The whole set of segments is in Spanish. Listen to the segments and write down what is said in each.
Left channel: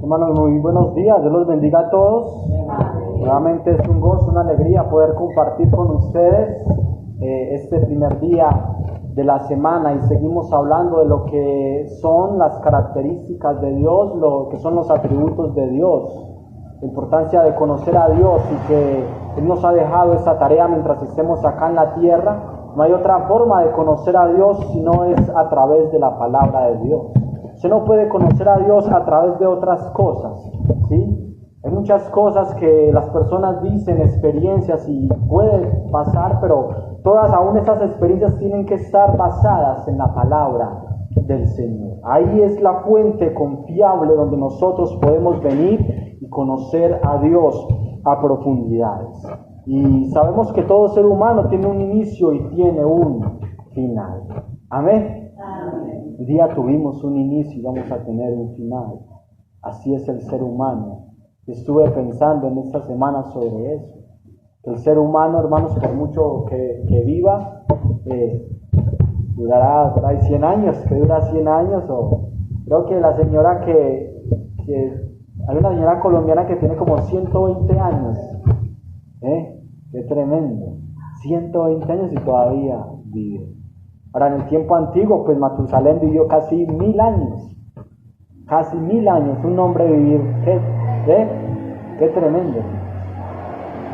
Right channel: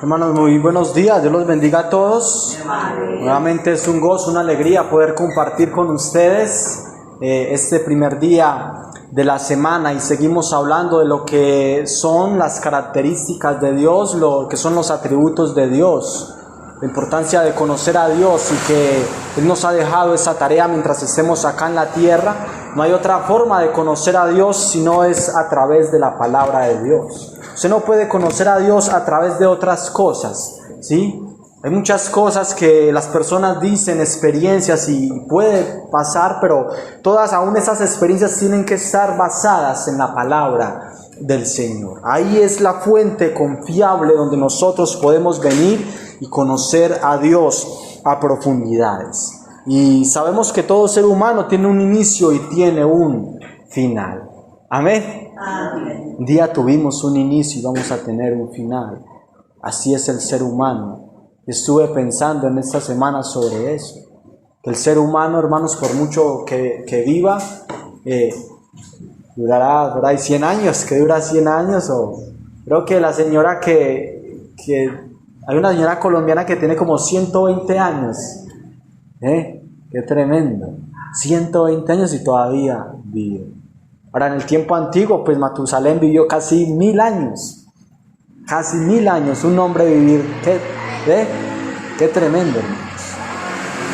Hermanos, muy buenos días, Dios los bendiga a todos. Nuevamente es un gozo, una alegría poder compartir con ustedes este primer día de la semana, y seguimos hablando de lo que son las características de Dios, lo que son los atributos de Dios, la importancia de conocer a Dios, y que Él nos ha dejado esa tarea mientras estemos acá en la tierra. No hay otra forma de conocer a Dios si no es a través de la palabra de Dios. Usted no puede conocer a Dios a través de otras cosas, ¿sí? Hay muchas cosas que las personas dicen, experiencias, y puede pasar, pero todas, aún esas experiencias, tienen que estar basadas en la palabra del Señor. Ahí es la fuente confiable donde nosotros podemos venir y conocer a Dios a profundidades. Y sabemos que todo ser humano tiene un inicio y tiene un final. Amén. Amén. Un día tuvimos un inicio y vamos a tener un final. Así es el ser humano. Estuve pensando en esta semana sobre eso. Que el ser humano, hermanos, por mucho que viva, durará por ahí 100 años, que dura 100 años. O creo que la señora hay una señora colombiana que tiene como 120 años. Qué tremendo. 120 años y todavía vive. Ahora, en el tiempo antiguo, pues Matusalén vivió casi 1000 años. Casi 1000 años, un hombre vivir. Qué tremendo, hermanos.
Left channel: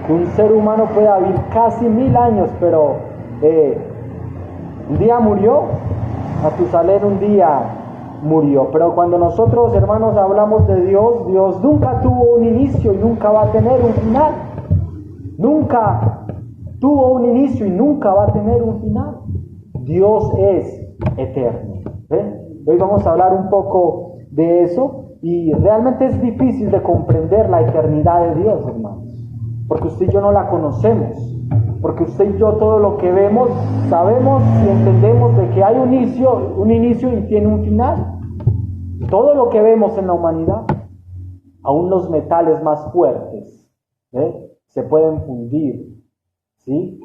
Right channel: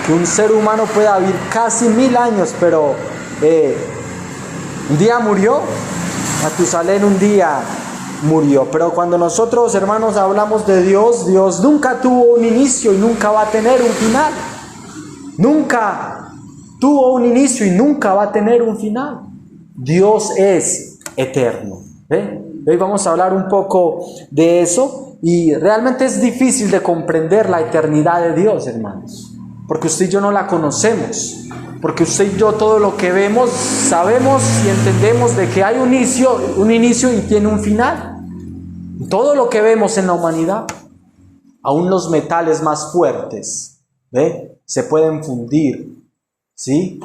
Que un ser humano pueda vivir casi 1000 años, pero un día murió. Matusalén un día murió. Pero cuando nosotros, hermanos, hablamos de Dios, Dios nunca tuvo un inicio y nunca va a tener un final. Nunca tuvo un inicio y nunca va a tener un final. Dios es eterno. Hoy vamos a hablar un poco de eso, y realmente es difícil de comprender la eternidad de Dios, hermanos, porque usted y yo no la conocemos, porque usted y yo todo lo que vemos sabemos y entendemos de que hay un inicio y tiene un final. Todo lo que vemos en la humanidad, aún los metales más fuertes, se pueden fundir, ¿sí?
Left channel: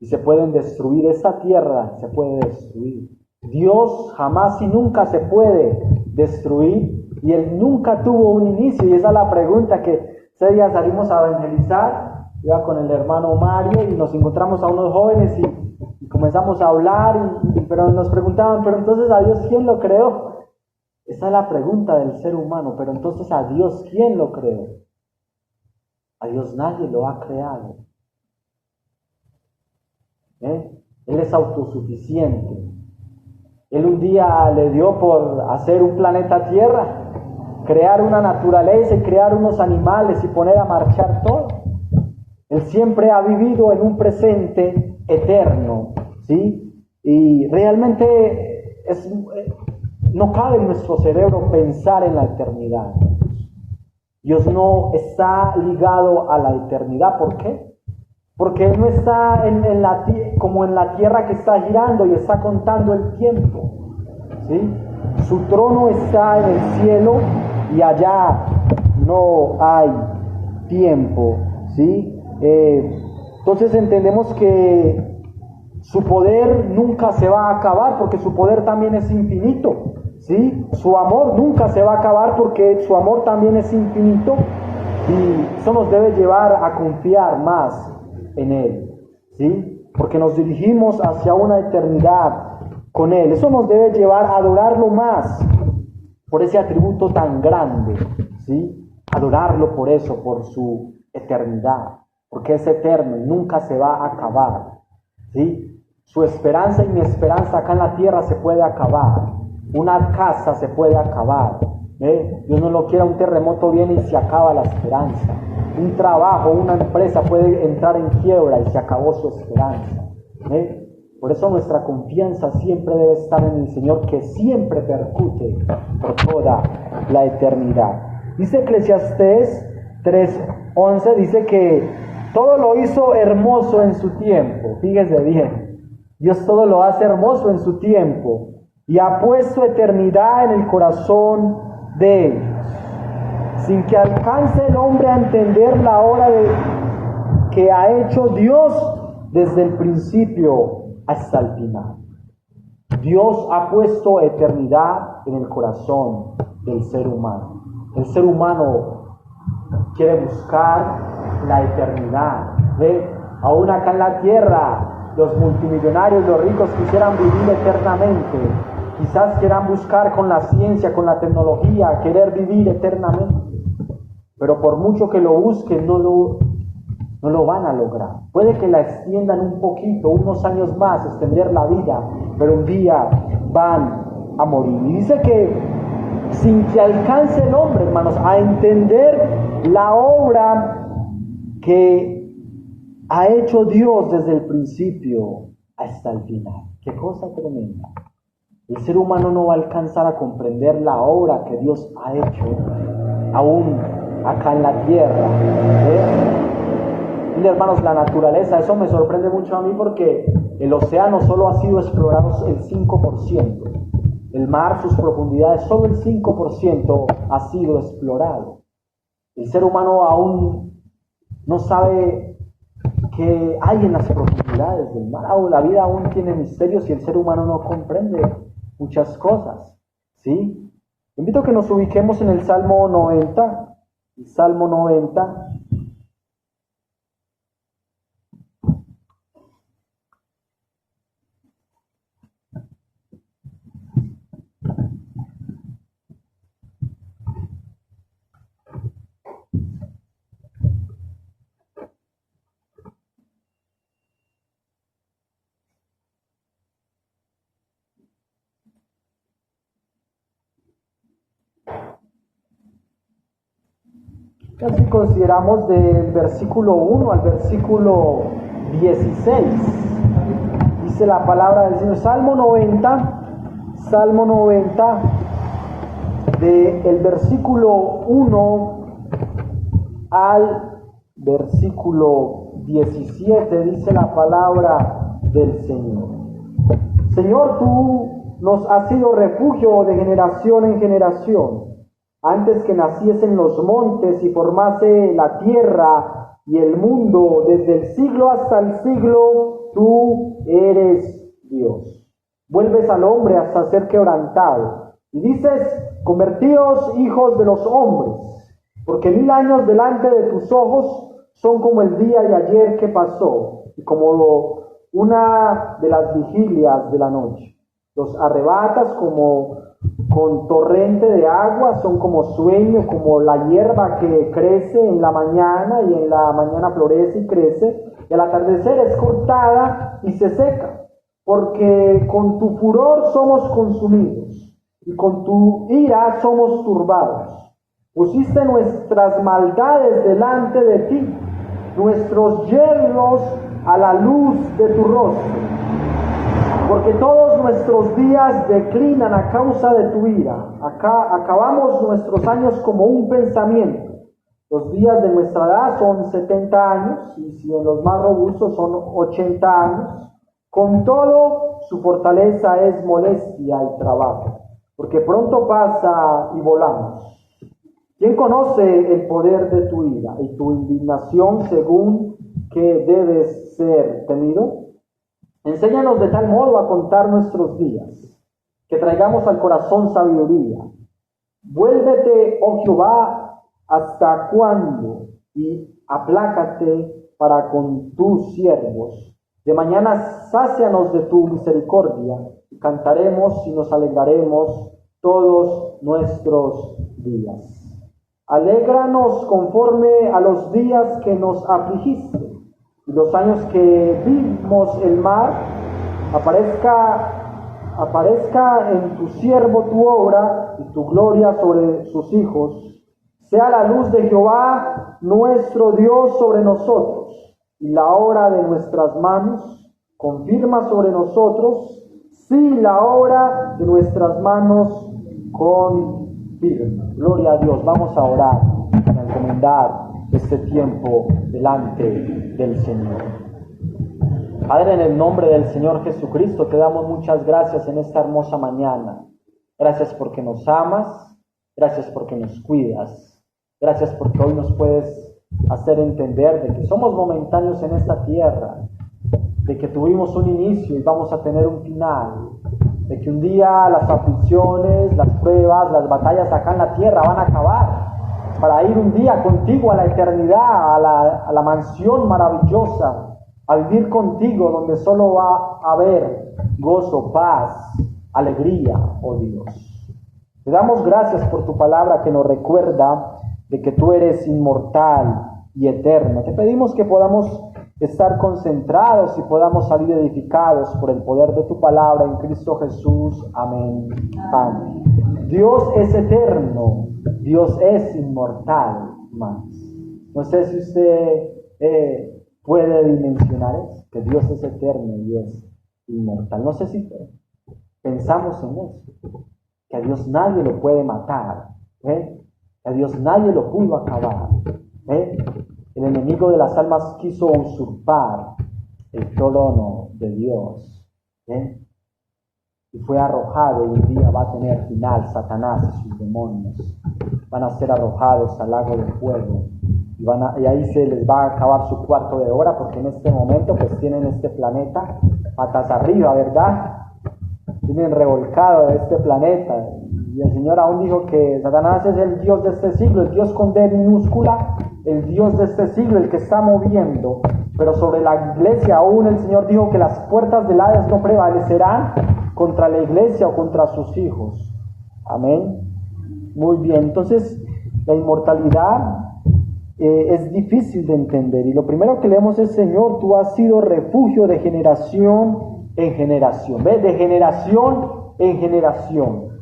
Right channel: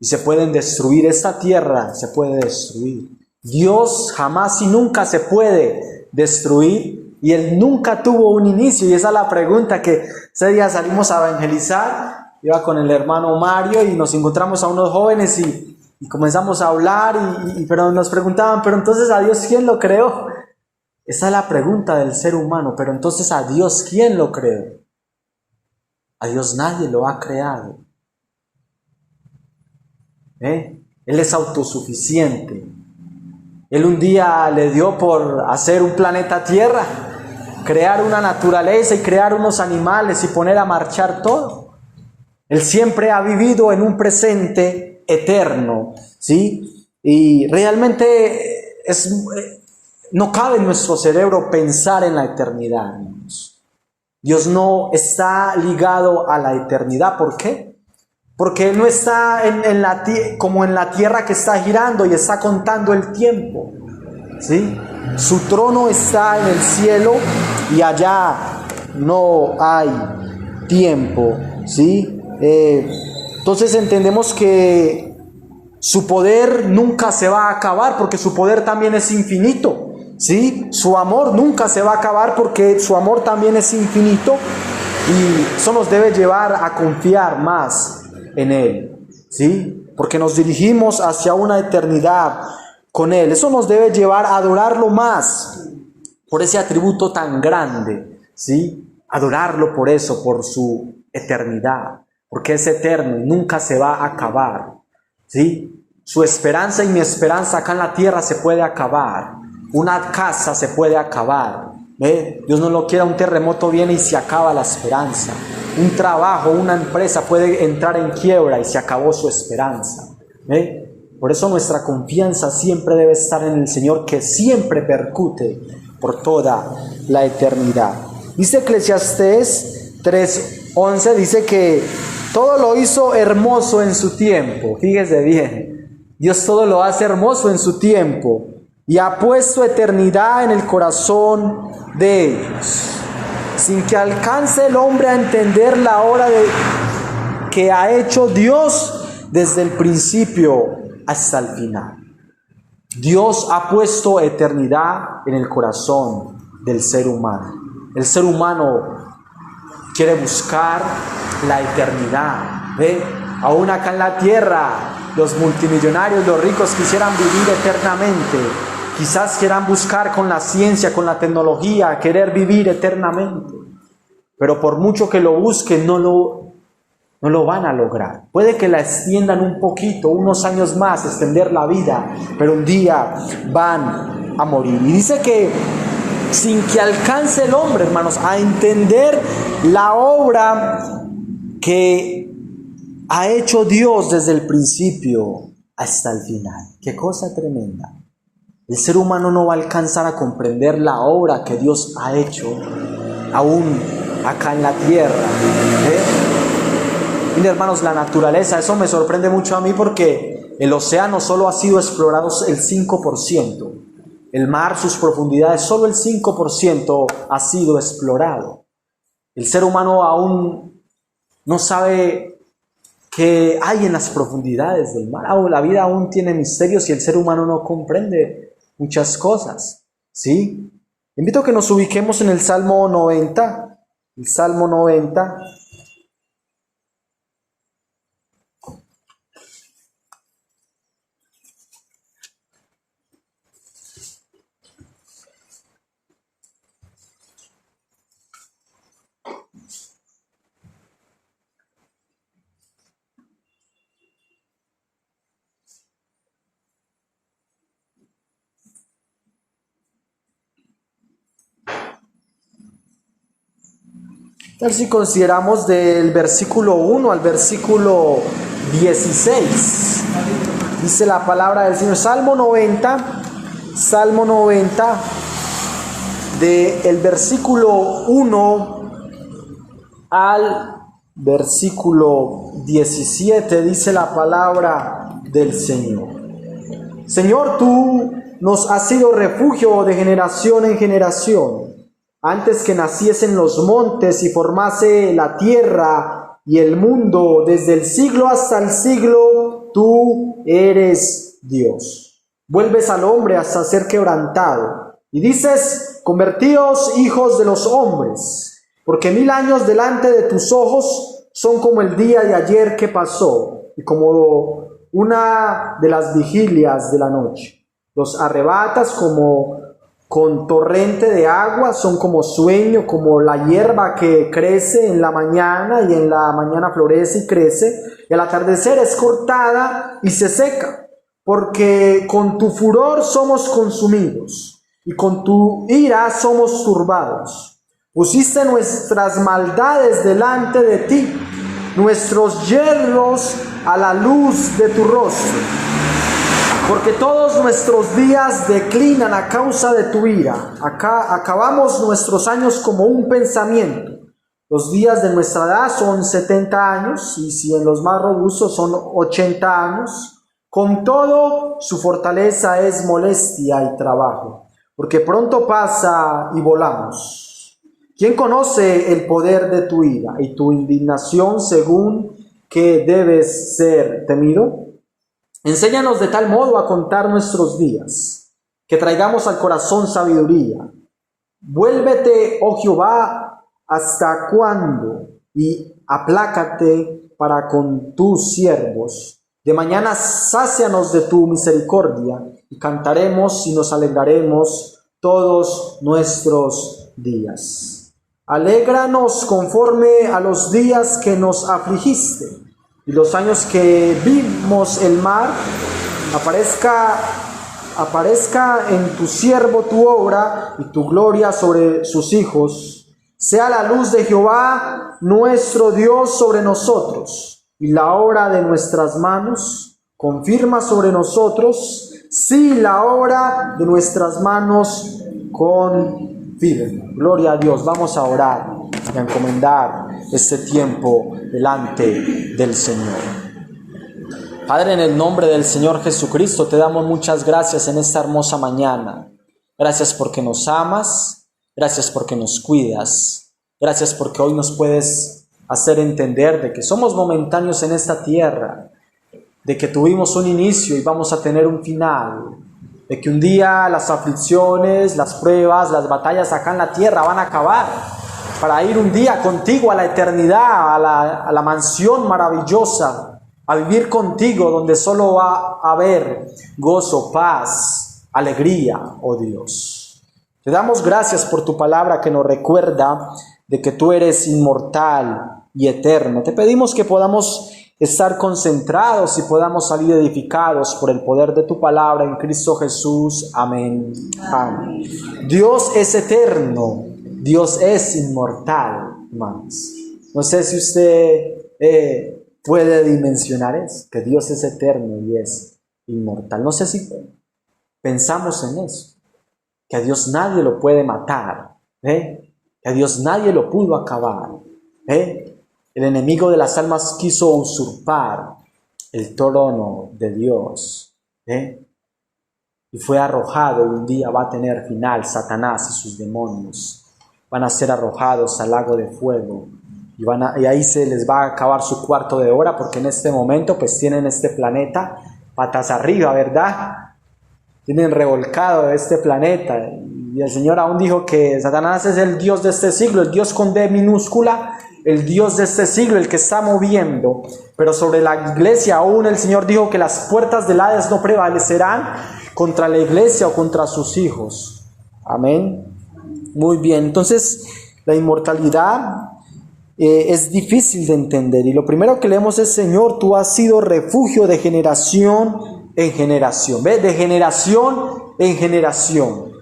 Y se pueden destruir. Esta tierra se puede destruir. Dios jamás y nunca se puede destruir, y Él nunca tuvo un inicio. Y esa es la pregunta que ese día salimos a evangelizar. Iba con el hermano Mario y nos encontramos a unos jóvenes y comenzamos a hablar, pero nos preguntaban, pero entonces ¿a Dios quién lo creó? Esa es la pregunta del ser humano. Pero entonces ¿a Dios quién lo creó? A Dios nadie lo ha creado. Él es autosuficiente. Él un día le dio por hacer un planeta Tierra, crear una naturaleza y crear unos animales y poner a marchar todo. Él siempre ha vivido en un presente eterno, ¿sí? Y realmente no cabe en nuestro cerebro pensar en la eternidad. Dios no está ligado a la eternidad. ¿Por qué? Porque Él no está como en la tierra, que está girando y está contando el tiempo, ¿sí? Su trono está en el cielo y allá no hay tiempo, ¿sí? Entonces entendemos que su poder nunca se va a acabar, porque su poder también es infinito, ¿sí? Su amor nunca se va a acabar, porque su amor también es infinito, y eso nos debe llevar a confiar más en Él, ¿sí? Porque nos dirigimos hacia una eternidad con Él. Eso nos debe llevar a adorarlo más, por ese atributo tan grande, ¿sí? Adorarlo por eso, por su eternidad, porque es eterno y nunca se va a acabar, ¿sí? Su esperanza y mi esperanza acá en la tierra se puede acabar. Una casa se puede acabar. Dios no lo quiera, un terremoto viene y se acaba la esperanza. Un trabajo, una empresa puede entrar en quiebra y se acabó su esperanza. Por eso nuestra confianza siempre debe estar en el Señor, que siempre percute por toda la eternidad. Dice Eclesiastés 3:11, dice que todo lo hizo hermoso en su tiempo. Fíjese bien, Dios todo lo hace hermoso en su tiempo, y ha puesto eternidad en el corazón de ellos, sin que alcance el hombre a entender la obra que ha hecho Dios desde el principio hasta el final. Dios ha puesto eternidad en el corazón del ser humano. El ser humano quiere buscar la eternidad. ¿Ve? Aún acá en la tierra, los multimillonarios, los ricos quisieran vivir eternamente. Quizás quieran buscar con la ciencia, con la tecnología, querer vivir eternamente. Pero por mucho que lo busquen, no lo van a lograr. Puede que la extiendan un poquito, unos años más, extender la vida, pero un día van a morir. Y dice que sin que alcance el hombre, hermanos, a entender la obra que ha hecho Dios desde el principio hasta el final. Qué cosa tremenda. El ser humano no va a alcanzar a comprender la obra que Dios ha hecho aún acá en la tierra. Mira, hermanos, la naturaleza, eso me sorprende mucho a mí porque el océano solo ha sido explorado el 5%. El mar, sus profundidades, solo el 5% ha sido explorado. El ser humano aún no sabe qué hay en las profundidades del mar. La vida aún tiene misterios y el ser humano no comprende muchas cosas. ¿Sí? Invito a que nos ubiquemos en el Salmo 90. El Salmo 90. Entonces, si consideramos del versículo 1 al versículo 16, dice la palabra del Señor, Salmo 90, del versículo 1 al versículo 17, dice la palabra del Señor. Señor, tú nos has sido refugio de generación en generación. Antes que naciesen los montes y formase la tierra y el mundo, desde el siglo hasta el siglo, tú eres Dios. Vuelves al hombre hasta ser quebrantado. Y dices, convertíos hijos de los hombres, porque 1000 años delante de tus ojos son como el día de ayer que pasó, y como una de las vigilias de la noche. Los arrebatas como con torrente de agua, son como sueño, como la hierba que crece en la mañana y en la mañana florece y crece, y al atardecer es cortada y se seca, porque con tu furor somos consumidos y con tu ira somos turbados. Pusiste nuestras maldades delante de ti, nuestros yerros a la luz de tu rostro. Porque todos nuestros días declinan a causa de tu ira. Acabamos nuestros años como un pensamiento. Los días de nuestra edad son 70 años, y si en los más robustos son 80 años. Con todo, su fortaleza es molestia y trabajo, porque pronto pasa y volamos. ¿Quién conoce el poder de tu ira y tu indignación según que debes ser temido? Enséñanos de tal modo a contar nuestros días, que traigamos al corazón sabiduría. Vuélvete, oh Jehová, ¿hasta cuándo? Y aplácate para con tus siervos. De mañana sácianos de tu misericordia, y cantaremos y nos alegraremos todos nuestros días. Alégranos conforme a los días que nos afligiste, y los años que vimos el mar. Aparezca en tu siervo tu obra y tu gloria sobre sus hijos. Sea la luz de Jehová nuestro Dios sobre nosotros, y la obra de nuestras manos confirma sobre nosotros. Sí, la obra de nuestras manos confirma. Gloria a Dios. Vamos a orar y a encomendar este tiempo delante del Señor. Padre, en el nombre del Señor Jesucristo, te damos muchas gracias en esta hermosa mañana. Gracias porque nos amas, gracias porque nos cuidas, gracias porque hoy nos puedes hacer entender de que somos momentáneos en esta tierra, de que tuvimos un inicio y vamos a tener un final, de que un día las aflicciones, las pruebas, las batallas acá en la tierra van a acabar, para ir un día contigo a la eternidad, a la mansión maravillosa, a vivir contigo donde solo va a haber gozo, paz, alegría, oh Dios. Te damos gracias por tu palabra que nos recuerda de que tú eres inmortal y eterno. Te pedimos que podamos estar concentrados y podamos salir edificados por el poder de tu palabra en Cristo Jesús. Amén. Amén. Dios es eterno, Dios es inmortal, hermanos. No sé si usted puede dimensionar eso, que Dios es eterno y es inmortal. No sé si pensamos en eso, que a Dios nadie lo puede matar, que a Dios nadie lo pudo acabar. El enemigo de las almas quiso usurpar el trono de Dios, y fue arrojado, y un día va a tener final. Satanás y sus demonios van a ser arrojados al lago de fuego, y ahí se les va a acabar su cuarto de hora, porque en este momento pues tienen este planeta patas arriba, ¿verdad? Tienen revolcado este planeta, y el Señor aún dijo que Satanás es el Dios de este siglo, el Dios con D minúscula, el Dios de este siglo, el que está moviendo. Pero sobre la iglesia aún el Señor dijo que las puertas del Hades no prevalecerán contra la iglesia o contra sus hijos. Amén. Muy bien, entonces la inmortalidad es difícil de entender, y lo primero que leemos es: Señor, tú has sido refugio de generación en generación. ¿Ves? De generación en generación.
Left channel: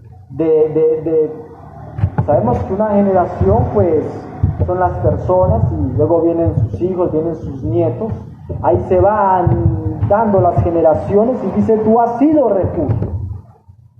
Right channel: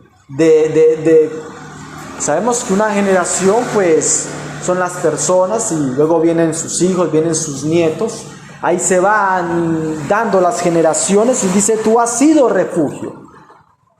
Sabemos que una generación pues son las personas, y luego vienen sus hijos, vienen sus nietos. Ahí se van dando las generaciones, y dice: tú has sido refugio.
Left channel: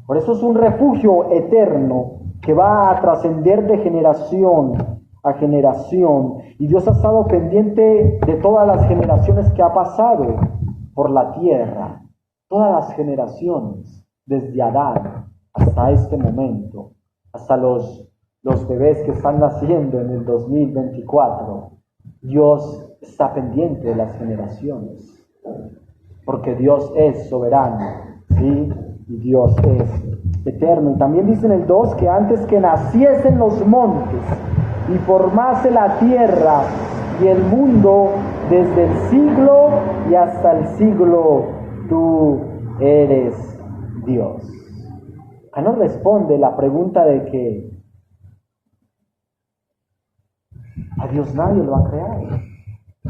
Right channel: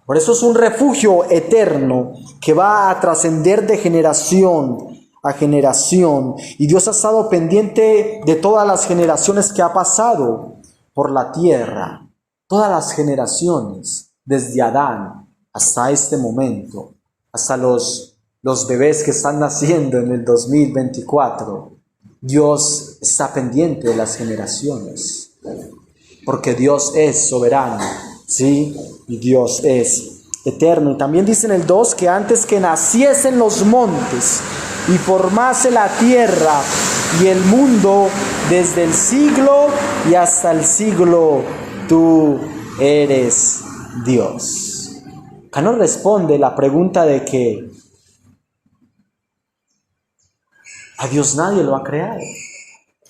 Por eso es un refugio eterno que va a trascender de generación a generación. Y Dios ha estado pendiente de todas las generaciones que ha pasado por la tierra. Todas las generaciones, desde Adán hasta este momento, hasta los bebés que están naciendo en el 2024. Dios está pendiente de las generaciones, porque Dios es soberano, ¿sí? Y Dios es eterno. Y también dice en el 2 que antes que naciesen los montes y formase la tierra y el mundo, desde el siglo y hasta el siglo, tú eres Dios. Acá nos responde la pregunta de que a Dios nadie lo ha creado.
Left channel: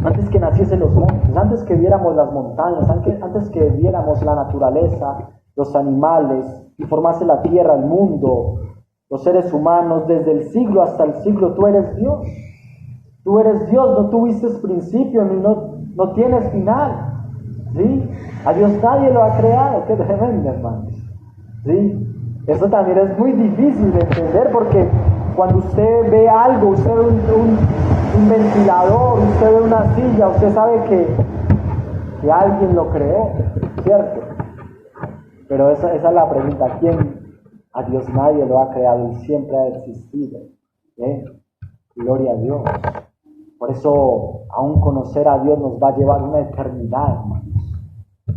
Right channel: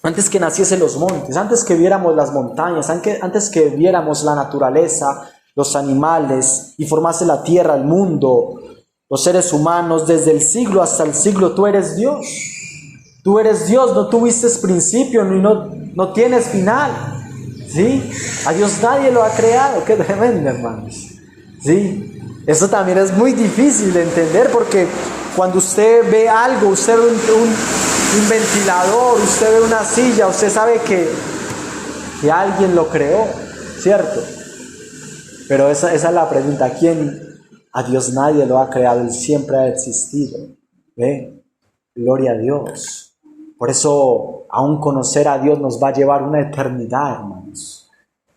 Antes que naciesen los montes, antes que viéramos las montañas, antes que viéramos la naturaleza, los animales, y formase la tierra, el mundo, los seres humanos, desde el siglo hasta el siglo, tú eres Dios. Tú eres Dios, no tuviste principio, no tienes final, ¿sí? A Dios nadie lo ha creado. Qué tremendo, hermanos, ¿sí? Eso también es muy difícil de entender, porque cuando usted ve algo, usted ve un ventilador, usted ve una silla, usted sabe que alguien lo creó, ¿cierto? Pero esa es la pregunta: ¿quién? A Dios nadie lo ha creado, Él siempre ha existido. Gloria a Dios. Por eso, aún conocer a Dios nos va a llevar una eternidad, hermanos.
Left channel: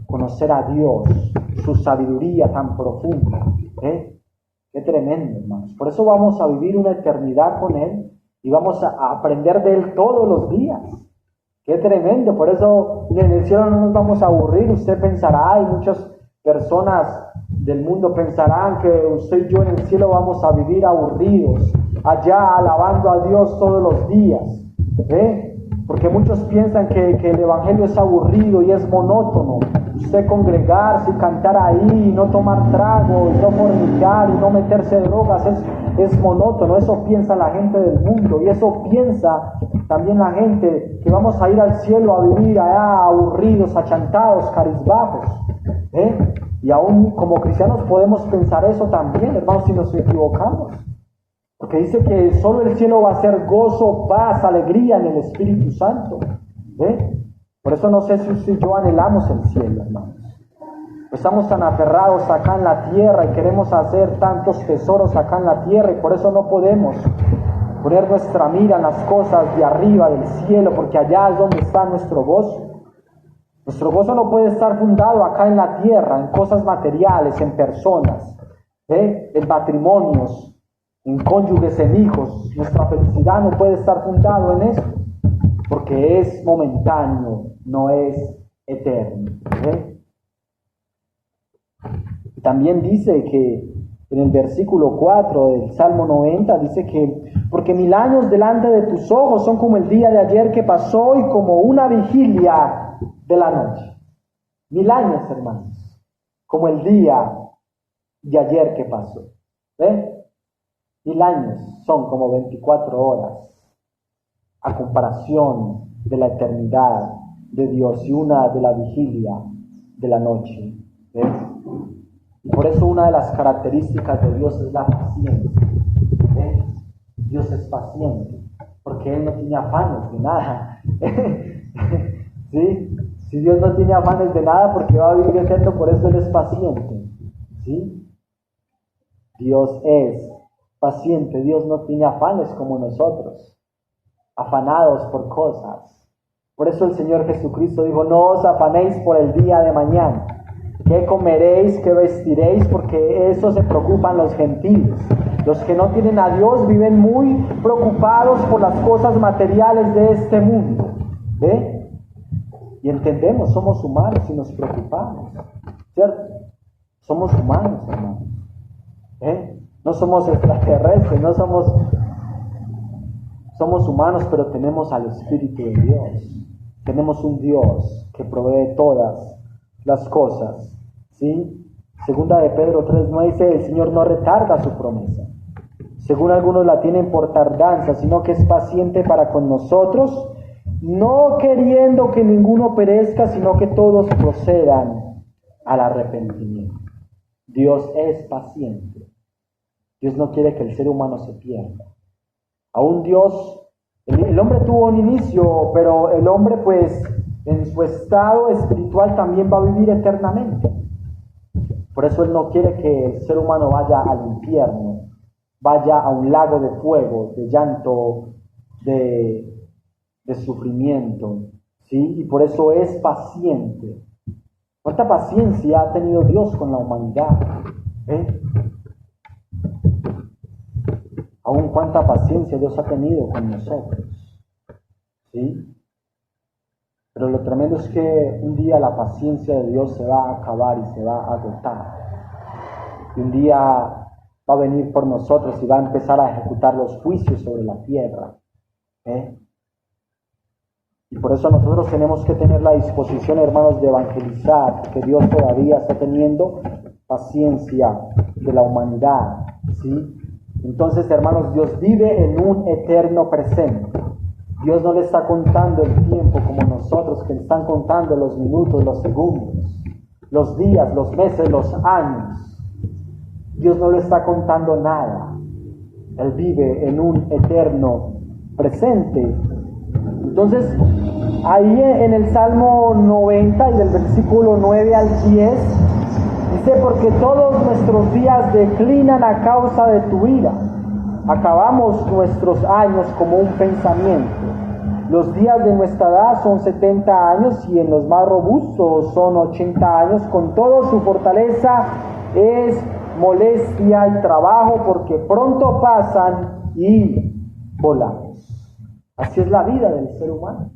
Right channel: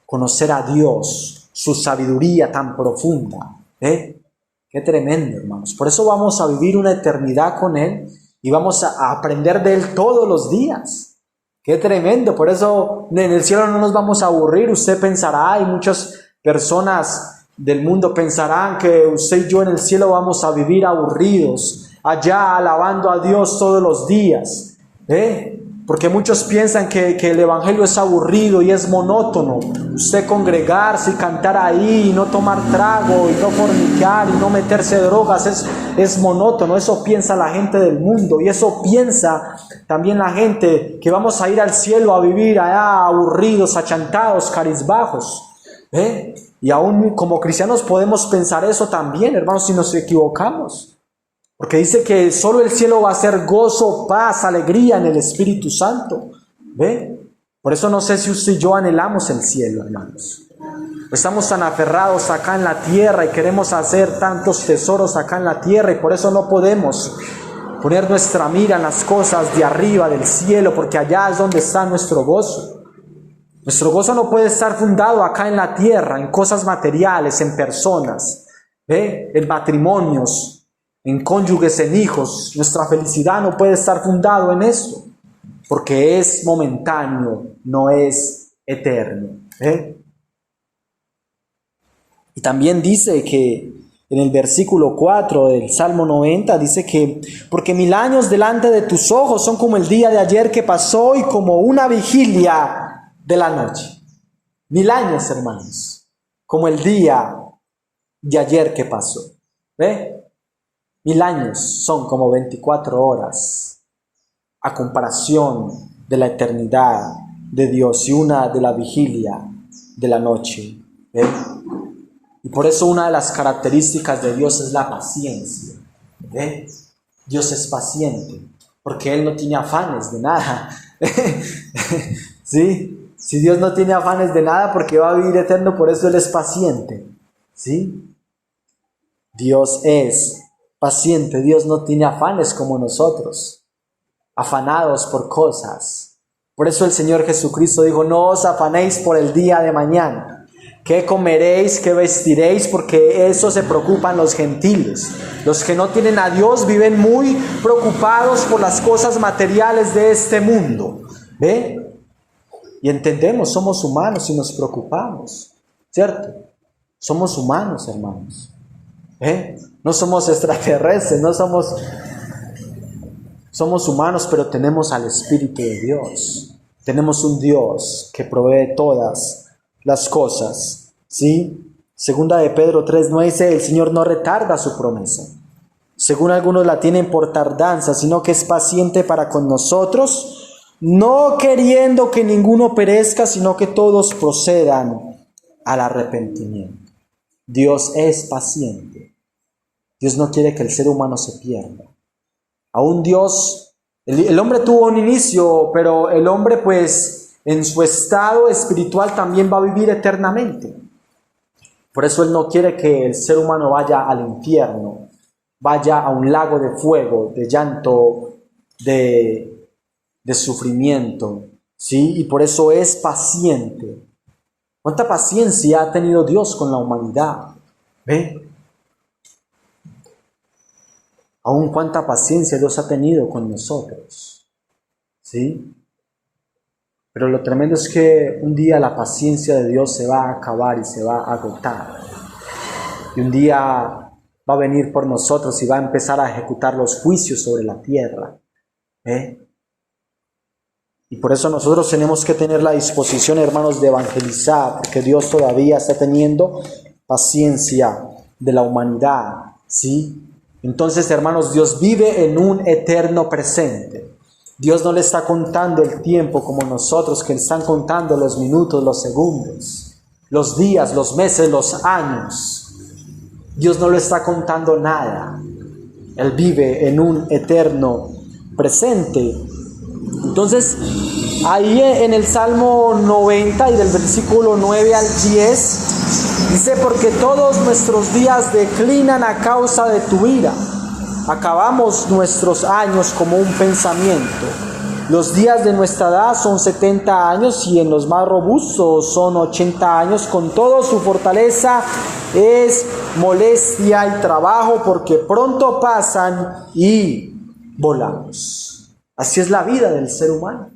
Conocer a Dios, su sabiduría tan profunda. Qué tremendo, hermanos. Por eso vamos a vivir una eternidad con Él, y vamos a aprender de Él todos los días. Qué tremendo. Por eso en el cielo no nos vamos a aburrir. Usted pensará, y muchas personas del mundo pensarán, que usted y yo en el cielo vamos a vivir aburridos, allá alabando a Dios todos los días. Porque muchos piensan que el evangelio es aburrido y es monótono. Usted congregarse y cantar ahí, y no tomar trago, y no fornicar, y no meterse drogas, es monótono. Eso piensa la gente del mundo, y eso piensa también la gente que vamos a ir al cielo a vivir allá aburridos, achantados, carizbajos. Y aún como cristianos podemos pensar eso también, hermanos, si nos equivocamos. Porque dice que solo el cielo va a ser gozo, paz, alegría en el Espíritu Santo. Por eso no sé si usted y yo anhelamos el cielo, hermanos. Estamos tan aferrados acá en la tierra y queremos hacer tantos tesoros acá en la tierra, y por eso no podemos poner nuestra mira en las cosas de arriba del cielo, porque allá es donde está nuestro gozo. Nuestro gozo no puede estar fundado acá en la tierra, en cosas materiales, en personas, en matrimonios, en cónyuges, en hijos. Nuestra felicidad no puede estar fundado en eso, porque es momentáneo, no es eterno. Y también dice que en el versículo 4 del Salmo 90, dice que porque 1000 años delante de tus ojos son como el día de ayer que pasó y como una vigilia de la noche. 1000 años, hermanos, como el día de ayer que pasó. 1000 años son como 24 horas a comparación de la eternidad de Dios y una de la vigilia de la noche. Y por eso una de las características de Dios es la paciencia. Dios es paciente, porque Él no tiene afanes de nada. ¿Sí? Si Dios no tiene afanes de nada, porque va a vivir eterno, por eso Él es paciente. ¿Sí? Dios es paciente, Dios no tiene afanes como nosotros, afanados por cosas. Por eso el Señor Jesucristo dijo: no os afanéis por el día de mañana, qué comeréis, qué vestiréis, porque eso se preocupan los gentiles. Los que no tienen a Dios viven muy preocupados por las cosas materiales de este mundo. Y entendemos, somos humanos y nos preocupamos, ¿cierto? Somos humanos, hermanos. No somos extraterrestres, somos humanos, pero tenemos al Espíritu de Dios. Tenemos un Dios que provee todas las cosas, ¿sí? Segunda de Pedro 3:9 dice: el Señor no retarda su promesa, según algunos la tienen por tardanza, sino que es paciente para con nosotros, no queriendo que ninguno perezca, sino que todos procedan al arrepentimiento. Dios es paciente. Dios no quiere que el ser humano se pierda. Aún Dios, el hombre tuvo un inicio, pero el hombre pues en su estado espiritual también va a vivir eternamente. Por eso Él no quiere que el ser humano vaya al infierno, vaya a un lago de fuego, de llanto, de sufrimiento, ¿sí? Y por eso es paciente. ¿Cuánta paciencia ha tenido Dios con la humanidad? Aún cuánta paciencia Dios ha tenido con nosotros, ¿sí? Pero lo tremendo es que un día la paciencia de Dios se va a acabar y se va a agotar. Y un día va a venir por nosotros y va a empezar a ejecutar los juicios sobre la tierra. Y por eso nosotros tenemos que tener la disposición, hermanos, de evangelizar, porque Dios todavía está teniendo paciencia de la humanidad, ¿sí? Entonces, hermanos, Dios vive en un eterno presente. Dios no le está contando el tiempo como nosotros, que le están contando los minutos, los segundos, los días, los meses, los años. Dios no le está contando nada. Él vive en un eterno presente. Entonces, ahí en el Salmo 90 y del versículo 9 al 10, dice: porque todos nuestros días declinan a causa de tu ira. Acabamos nuestros años como un pensamiento. Los días de nuestra edad son 70 años y en los más robustos son 80 años. Con todo, su fortaleza es molestia y trabajo, porque pronto pasan y volamos. Así es la vida del ser humano.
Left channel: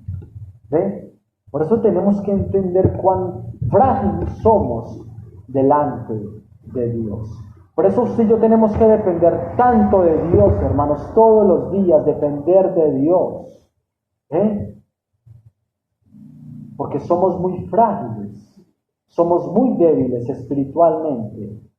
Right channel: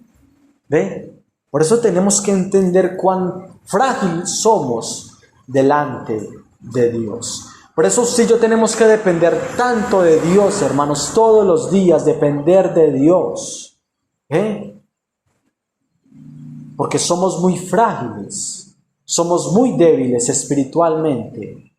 Por eso tenemos que entender cuán frágil somos delante de Dios. Por eso sí, tenemos que depender tanto de Dios, hermanos, todos los días depender de Dios. Porque somos muy frágiles, somos muy débiles espiritualmente.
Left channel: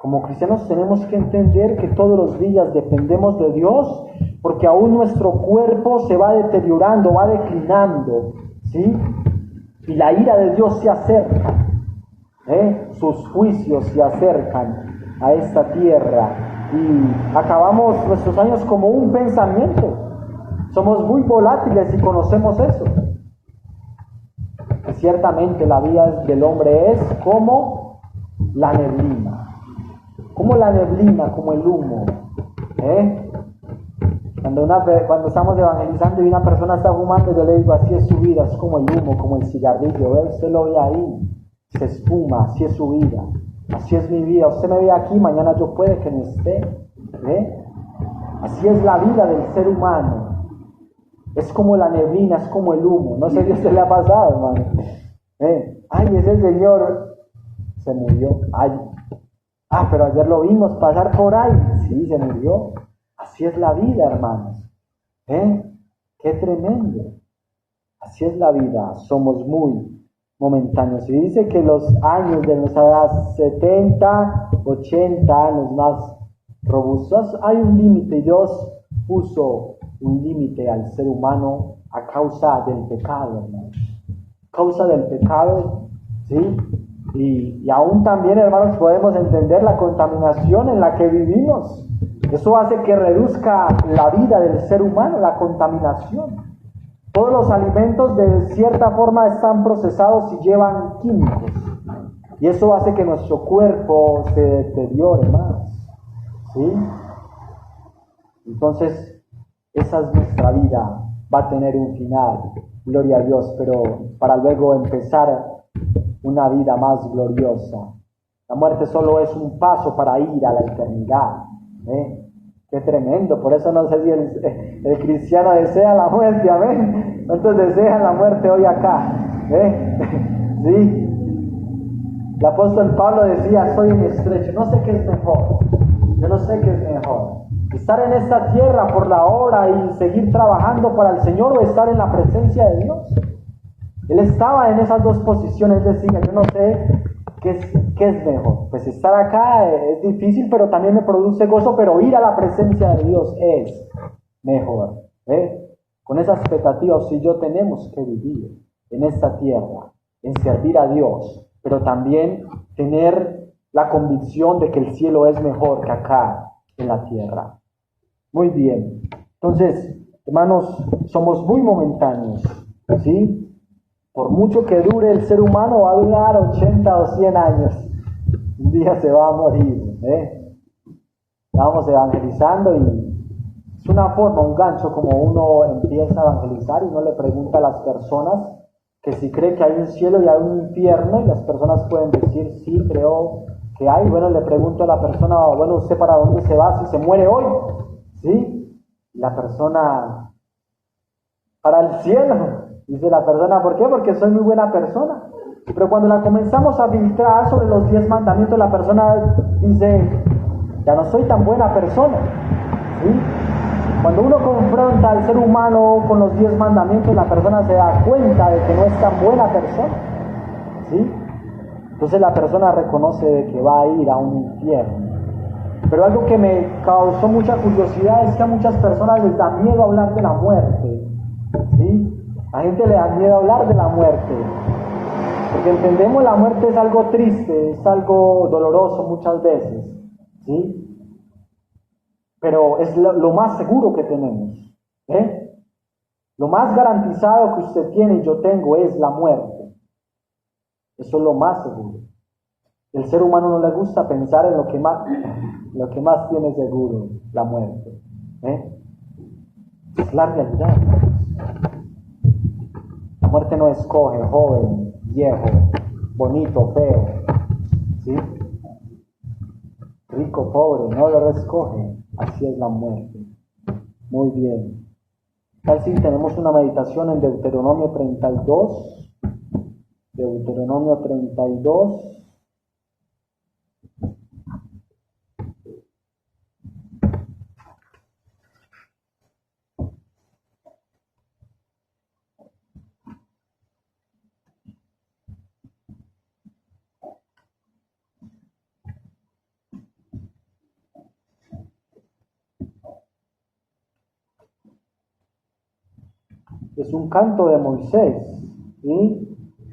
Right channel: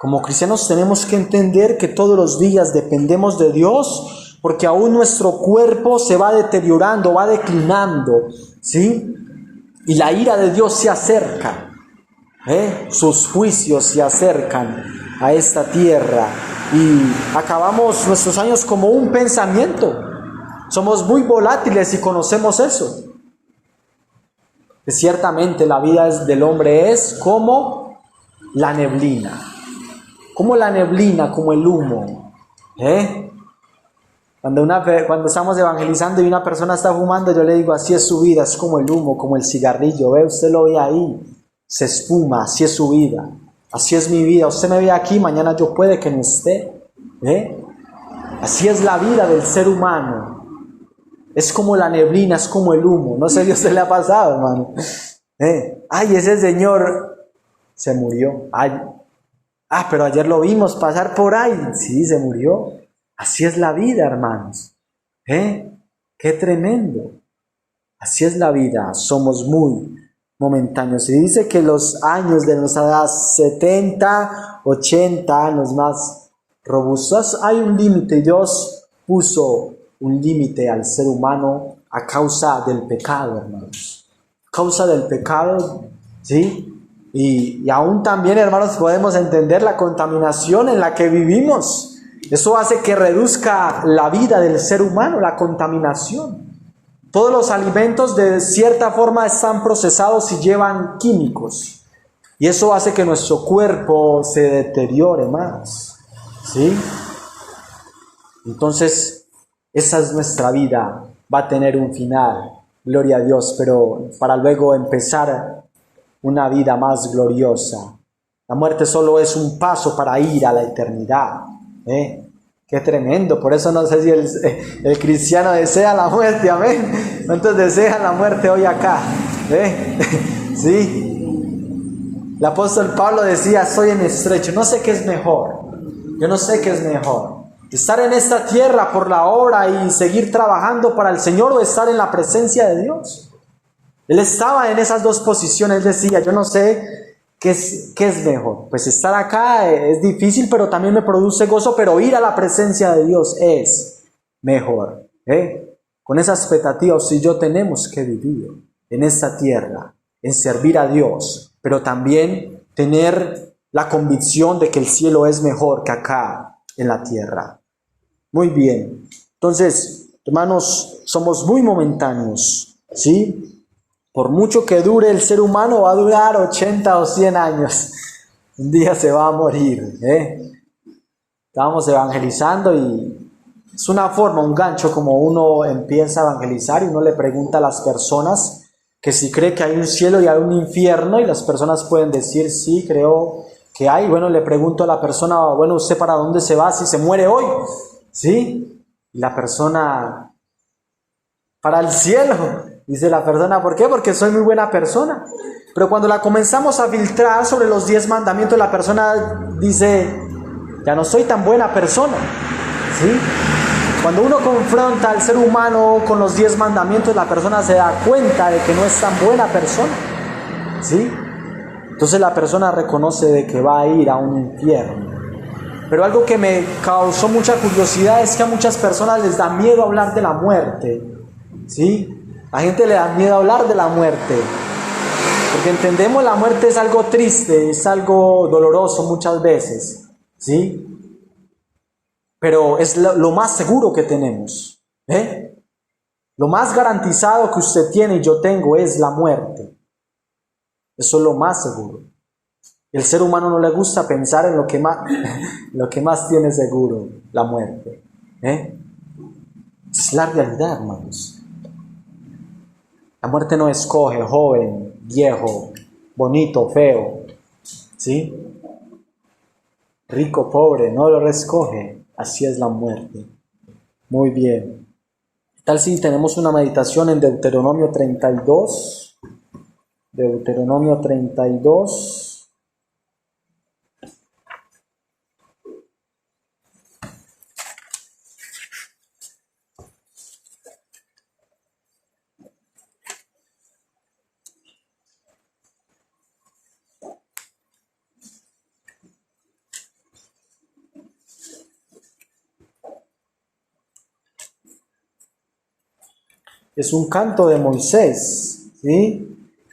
Como cristianos tenemos que entender que todos los días dependemos de Dios, porque aún nuestro cuerpo se va deteriorando, va declinando, ¿sí? Y la ira de Dios se acerca. Sus juicios se acercan a esta tierra y acabamos nuestros años como un pensamiento. Somos muy volátiles y conocemos eso. Que ciertamente la vida del hombre es como la neblina, como el humo. Cuando estamos evangelizando y una persona está fumando, yo le digo: así es su vida, es como el humo, como el cigarrillo. Usted lo ve ahí, se espuma, así es su vida, así es mi vida. Usted me ve aquí, mañana yo puede que no esté. Así es la vida del ser humano. Es como la neblina, es como el humo. No sé si a usted le ha pasado, hermano. Ay, ese señor se murió. Ay, pero ayer lo vimos pasar por ahí. Sí, se murió. Así es la vida, hermanos. Qué tremendo. Así es la vida. Somos muy momentáneos. Y dice que los años de nuestra edad, 70, 80 años más robustos, hay un límite. Dios puso un límite al ser humano a causa del pecado, hermanos. A causa del pecado, ¿sí? Y aún también, hermanos, podemos entender la contaminación en la que vivimos. Eso hace que reduzca la vida del ser humano, la contaminación. Todos los alimentos de cierta forma están procesados y llevan químicos. Y eso hace que nuestro cuerpo se deteriore más, ¿sí? Entonces, esa es nuestra vida. Va a tener un final, gloria a Dios, pero para luego empezar una vida más gloriosa. La muerte solo es un paso para ir a la eternidad. Qué tremendo. Por eso no sé si el cristiano desea la muerte, amén. ¿Cuántos desean la muerte hoy acá? Sí. El apóstol Pablo decía: soy en estrecho, no sé qué es mejor. Yo no sé qué es mejor. Estar en esta tierra por la hora y seguir trabajando para el Señor, o estar en la presencia de Dios. Él estaba en esas dos posiciones. Decía: yo no sé qué es mejor. Pues estar acá es difícil, pero también me produce gozo, pero ir a la presencia de Dios es mejor. Con esa expectativa, si yo tenemos que vivir en esta tierra, en servir a Dios, pero también tener la convicción de que el cielo es mejor que acá en la tierra. Muy bien. Entonces, hermanos, somos muy momentáneos, ¿sí? Por mucho que dure el ser humano, va a durar 80 o 100 años. Un día se va a morir. Vamos evangelizando y es una forma, un gancho, como uno empieza a evangelizar y uno le pregunta a las personas que si cree que hay un cielo y hay un infierno, y las personas pueden decir: sí, creo que hay. Bueno, le pregunto a la persona: bueno, ¿usted para dónde se va si se muere hoy? ¿Sí? Y la persona: para el cielo. Dice la persona: ¿por qué? Porque soy muy buena persona. Pero cuando la comenzamos a filtrar sobre los 10 mandamientos, la persona dice: ya no soy tan buena persona, ¿sí? Cuando uno confronta al ser humano con los 10 mandamientos, la persona se da cuenta de que no es tan buena persona, ¿sí? Entonces la persona reconoce de que va a ir a un infierno. Pero algo que me causó mucha curiosidad es que a muchas personas les da miedo hablar de la muerte, ¿sí? A la gente le da miedo hablar de la muerte, porque entendemos la muerte es algo triste, es algo doloroso muchas veces, ¿sí? Pero es lo más seguro que tenemos, Lo más garantizado que usted tiene y yo tengo es la muerte. Eso es lo más seguro. El ser humano no le gusta pensar en lo que más tiene seguro, la muerte. Es la realidad, hermanos. La muerte no escoge joven, viejo, bonito, feo, ¿sí? Rico, pobre, no lo escoge. Así es la muerte. Muy bien. Tal si tenemos una meditación en Deuteronomio 32. Deuteronomio 32. Es un canto de Moisés, ¿sí?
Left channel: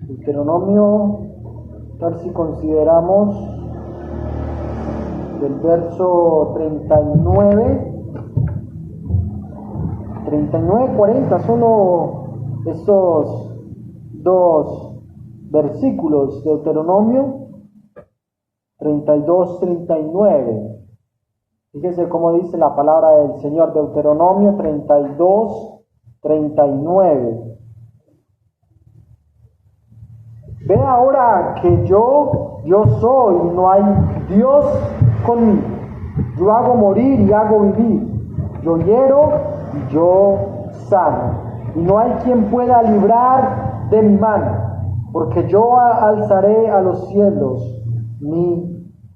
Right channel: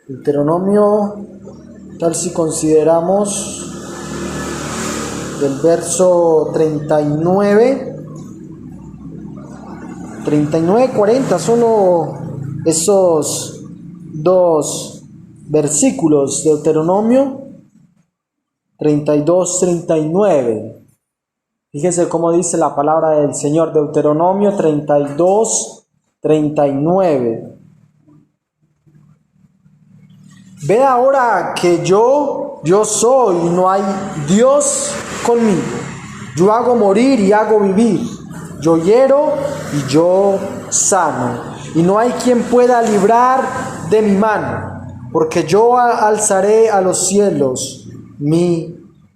Deuteronomio, tal si consideramos del verso 39, 40, son esos dos versículos, Deuteronomio 32, 39. Fíjense cómo dice la palabra del Señor, Deuteronomio 32, 39. Ve ahora que yo soy y no hay Dios conmigo. Yo hago morir y hago vivir. Yo hiero y yo sano. Y no hay quien pueda librar de mi mano, porque yo alzaré a los cielos mi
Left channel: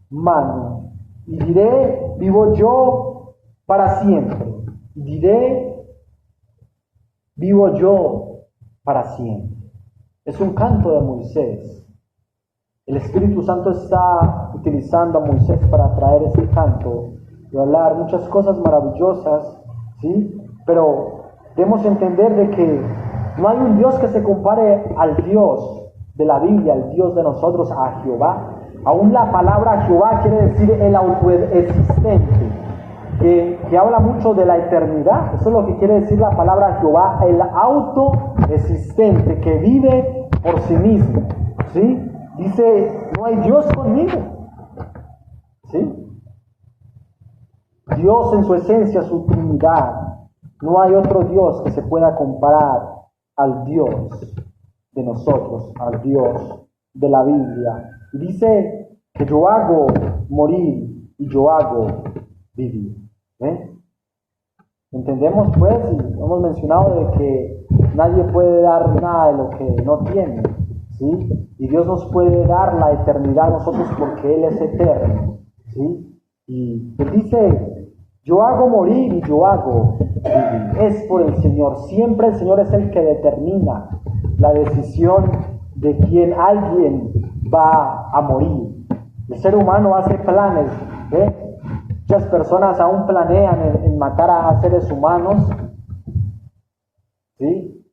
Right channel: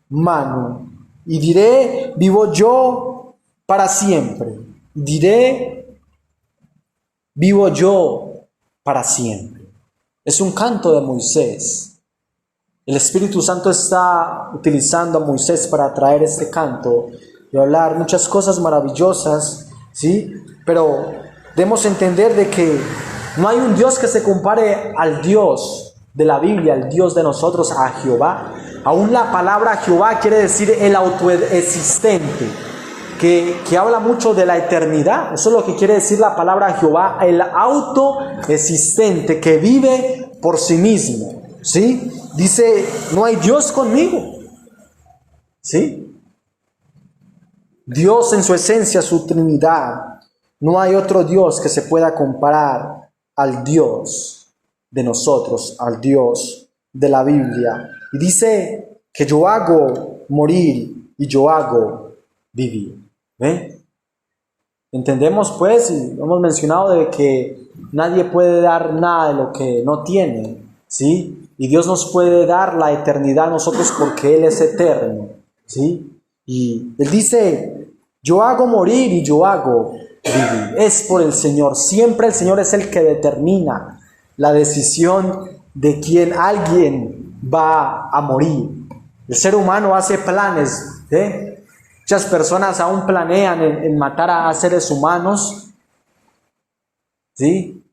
mano. Y diré, vivo yo para siempre. Diré, vivo yo para siempre. Es un canto de Moisés. El Espíritu Santo está utilizando a Moisés para traer este canto y hablar muchas cosas maravillosas, ¿sí? Pero debemos entender de que no hay un Dios que se compare al Dios de la Biblia, al Dios de nosotros, a Jehová. Aún la palabra Jehová quiere decir el autoexistente, que habla mucho de la eternidad. Eso es lo que quiere decir la palabra Jehová, el autoexistente, que vive por sí mismo, ¿sí? Dice, no hay Dios conmigo, ¿sí? Dios en su esencia, su Trinidad. No hay otro Dios que se pueda comparar al Dios de nosotros, al Dios de la Biblia. Y dice que yo hago morir y yo hago vivir. ¿Ven? Entendemos pues, y hemos mencionado de que nadie puede dar nada de lo que no tiene, ¿sí? Y Dios nos puede dar la eternidad a nosotros porque Él es eterno, ¿sí? Y Él dice, yo hago morir y yo hago vivir. Es por el Señor. Siempre el Señor es el que determina la decisión de quién alguien va a morir. El ser humano hace planes, ¿eh? Muchas personas aún planean en matar a seres humanos, ¿sí?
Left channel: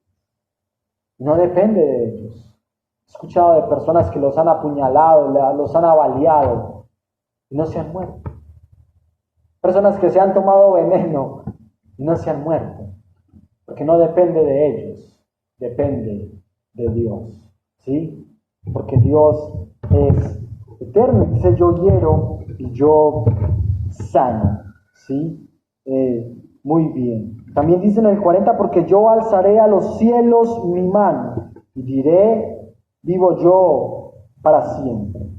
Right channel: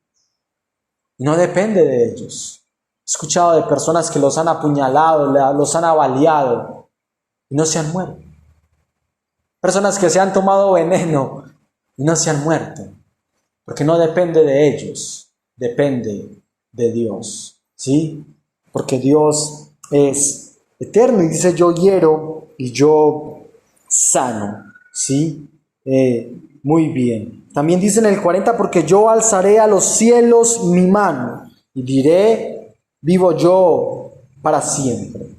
Y no depende de ellos. He escuchado de personas que los han apuñalado, los han avaliado y no se han muerto. Personas que se han tomado veneno y no se han muerto. Porque no depende de ellos, depende de Dios, ¿sí? Porque Dios es eterno y dice yo hiero y yo sano, ¿sí? Muy bien. También dice en el 40, porque yo alzaré a los cielos mi mano y diré, vivo yo para siempre.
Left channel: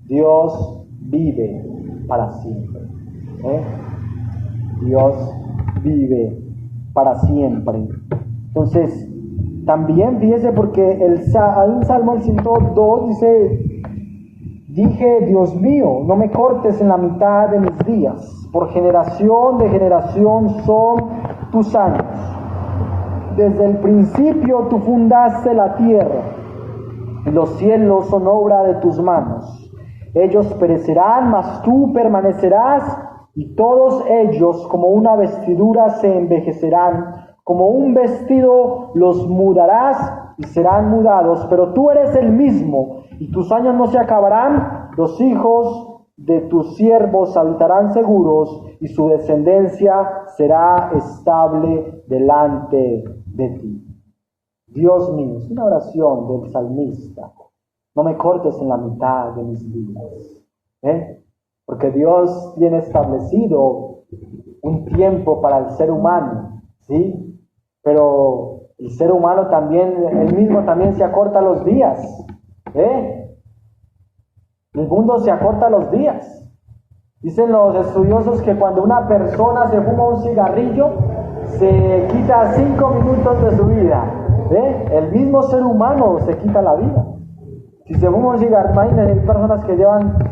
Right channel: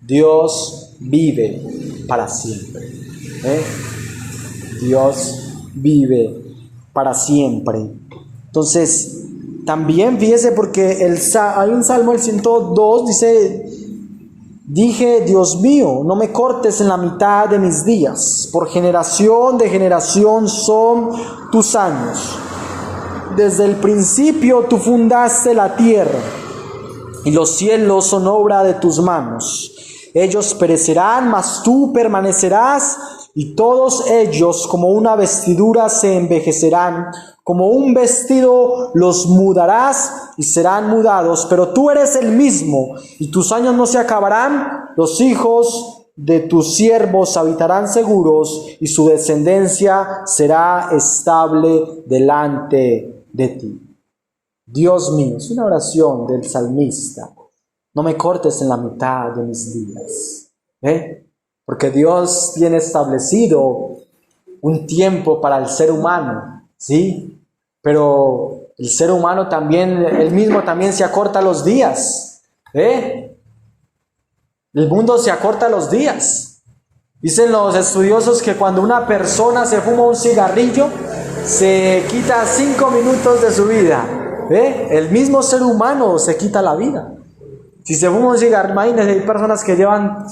Dios vive para siempre. Dios vive para siempre. Entonces, también fíjese, porque hay un salmo, el 102, dice, dije, Dios mío, no me cortes en la mitad de mis días, por generación de generación son tus años. Desde el principio tú fundaste la tierra, y los cielos son obra de tus manos. Ellos perecerán, mas tú permanecerás, y todos ellos como una vestidura se envejecerán. Como un vestido los mudarás y serán mudados, pero tú eres el mismo y tus años no se acabarán. Los hijos de tus siervos habitarán seguros y su descendencia será estable delante de ti. Dios mío, es una oración del salmista. No me cortes en la mitad de mis días, porque Dios tiene establecido un tiempo para el ser humano, ¿sí? Pero el ser humano también, él mismo también se acorta los días, El mundo se acorta los días. Dicen los estudiosos que cuando una persona se fuma un cigarrillo, se quita 5 minutos de su vida, El mismo ser humano se quita la vida. Si se fuma un cigarrillo, imagínense, hay personas que llevan,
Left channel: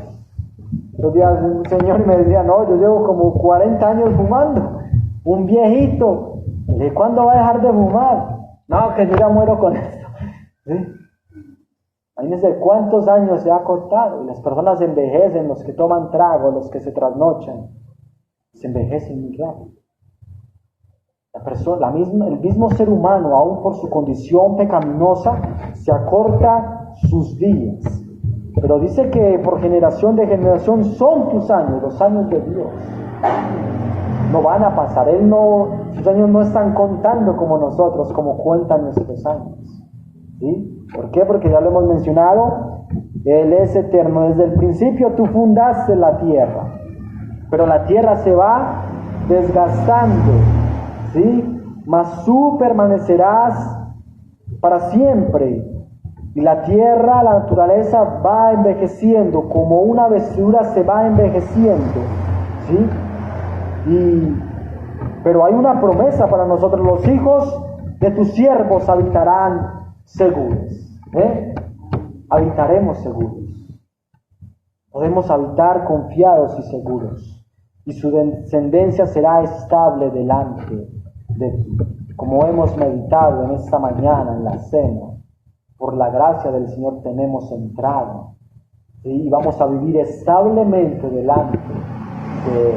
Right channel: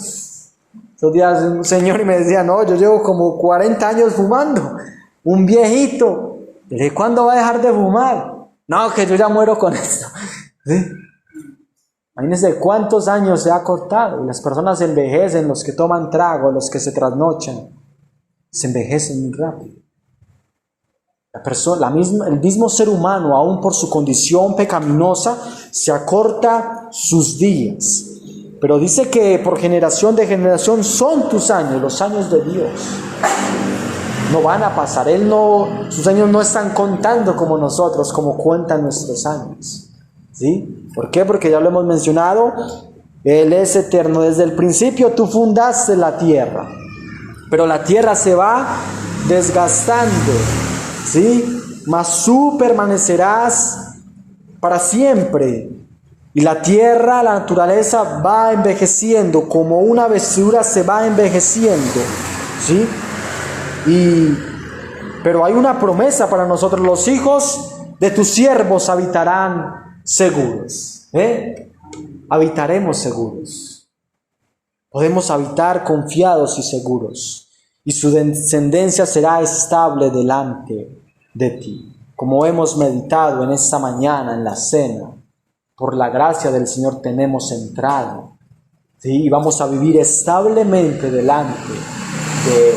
esos días un señor y me decía, no, yo llevo como 40 años fumando, un viejito. ¿De cuándo va a dejar de fumar? No, que yo ya muero con esto, ¿sí? Imagínense cuántos años se ha cortado. Y las personas envejecen, los que toman trago, los que se trasnochan, se envejecen muy rápido. El mismo ser humano, aún por su condición pecaminosa, se acorta sus días. Pero dice que por generación de generación son tus años, los años de Dios. No van a pasar. Sus años no están contando como nosotros, como cuentan nuestros años, ¿sí? ¿Por qué? Porque ya lo hemos mencionado, Él es eterno. Desde el principio tú fundaste la tierra, pero la tierra se va desgastando, ¿sí? Mas tú permanecerás para siempre. Y la tierra, la naturaleza va envejeciendo, como una vestidura se va envejeciendo. ¿sí? Pero hay una promesa para nosotros: los hijos de tus siervos habitarán seguros. Habitaremos seguros. Podemos habitar confiados y seguros, y su descendencia será estable delante de ti. Como hemos meditado en esta mañana en la cena, por la gracia del Señor tenemos entrado, ¿sí? Y vamos a vivir establemente delante de Él.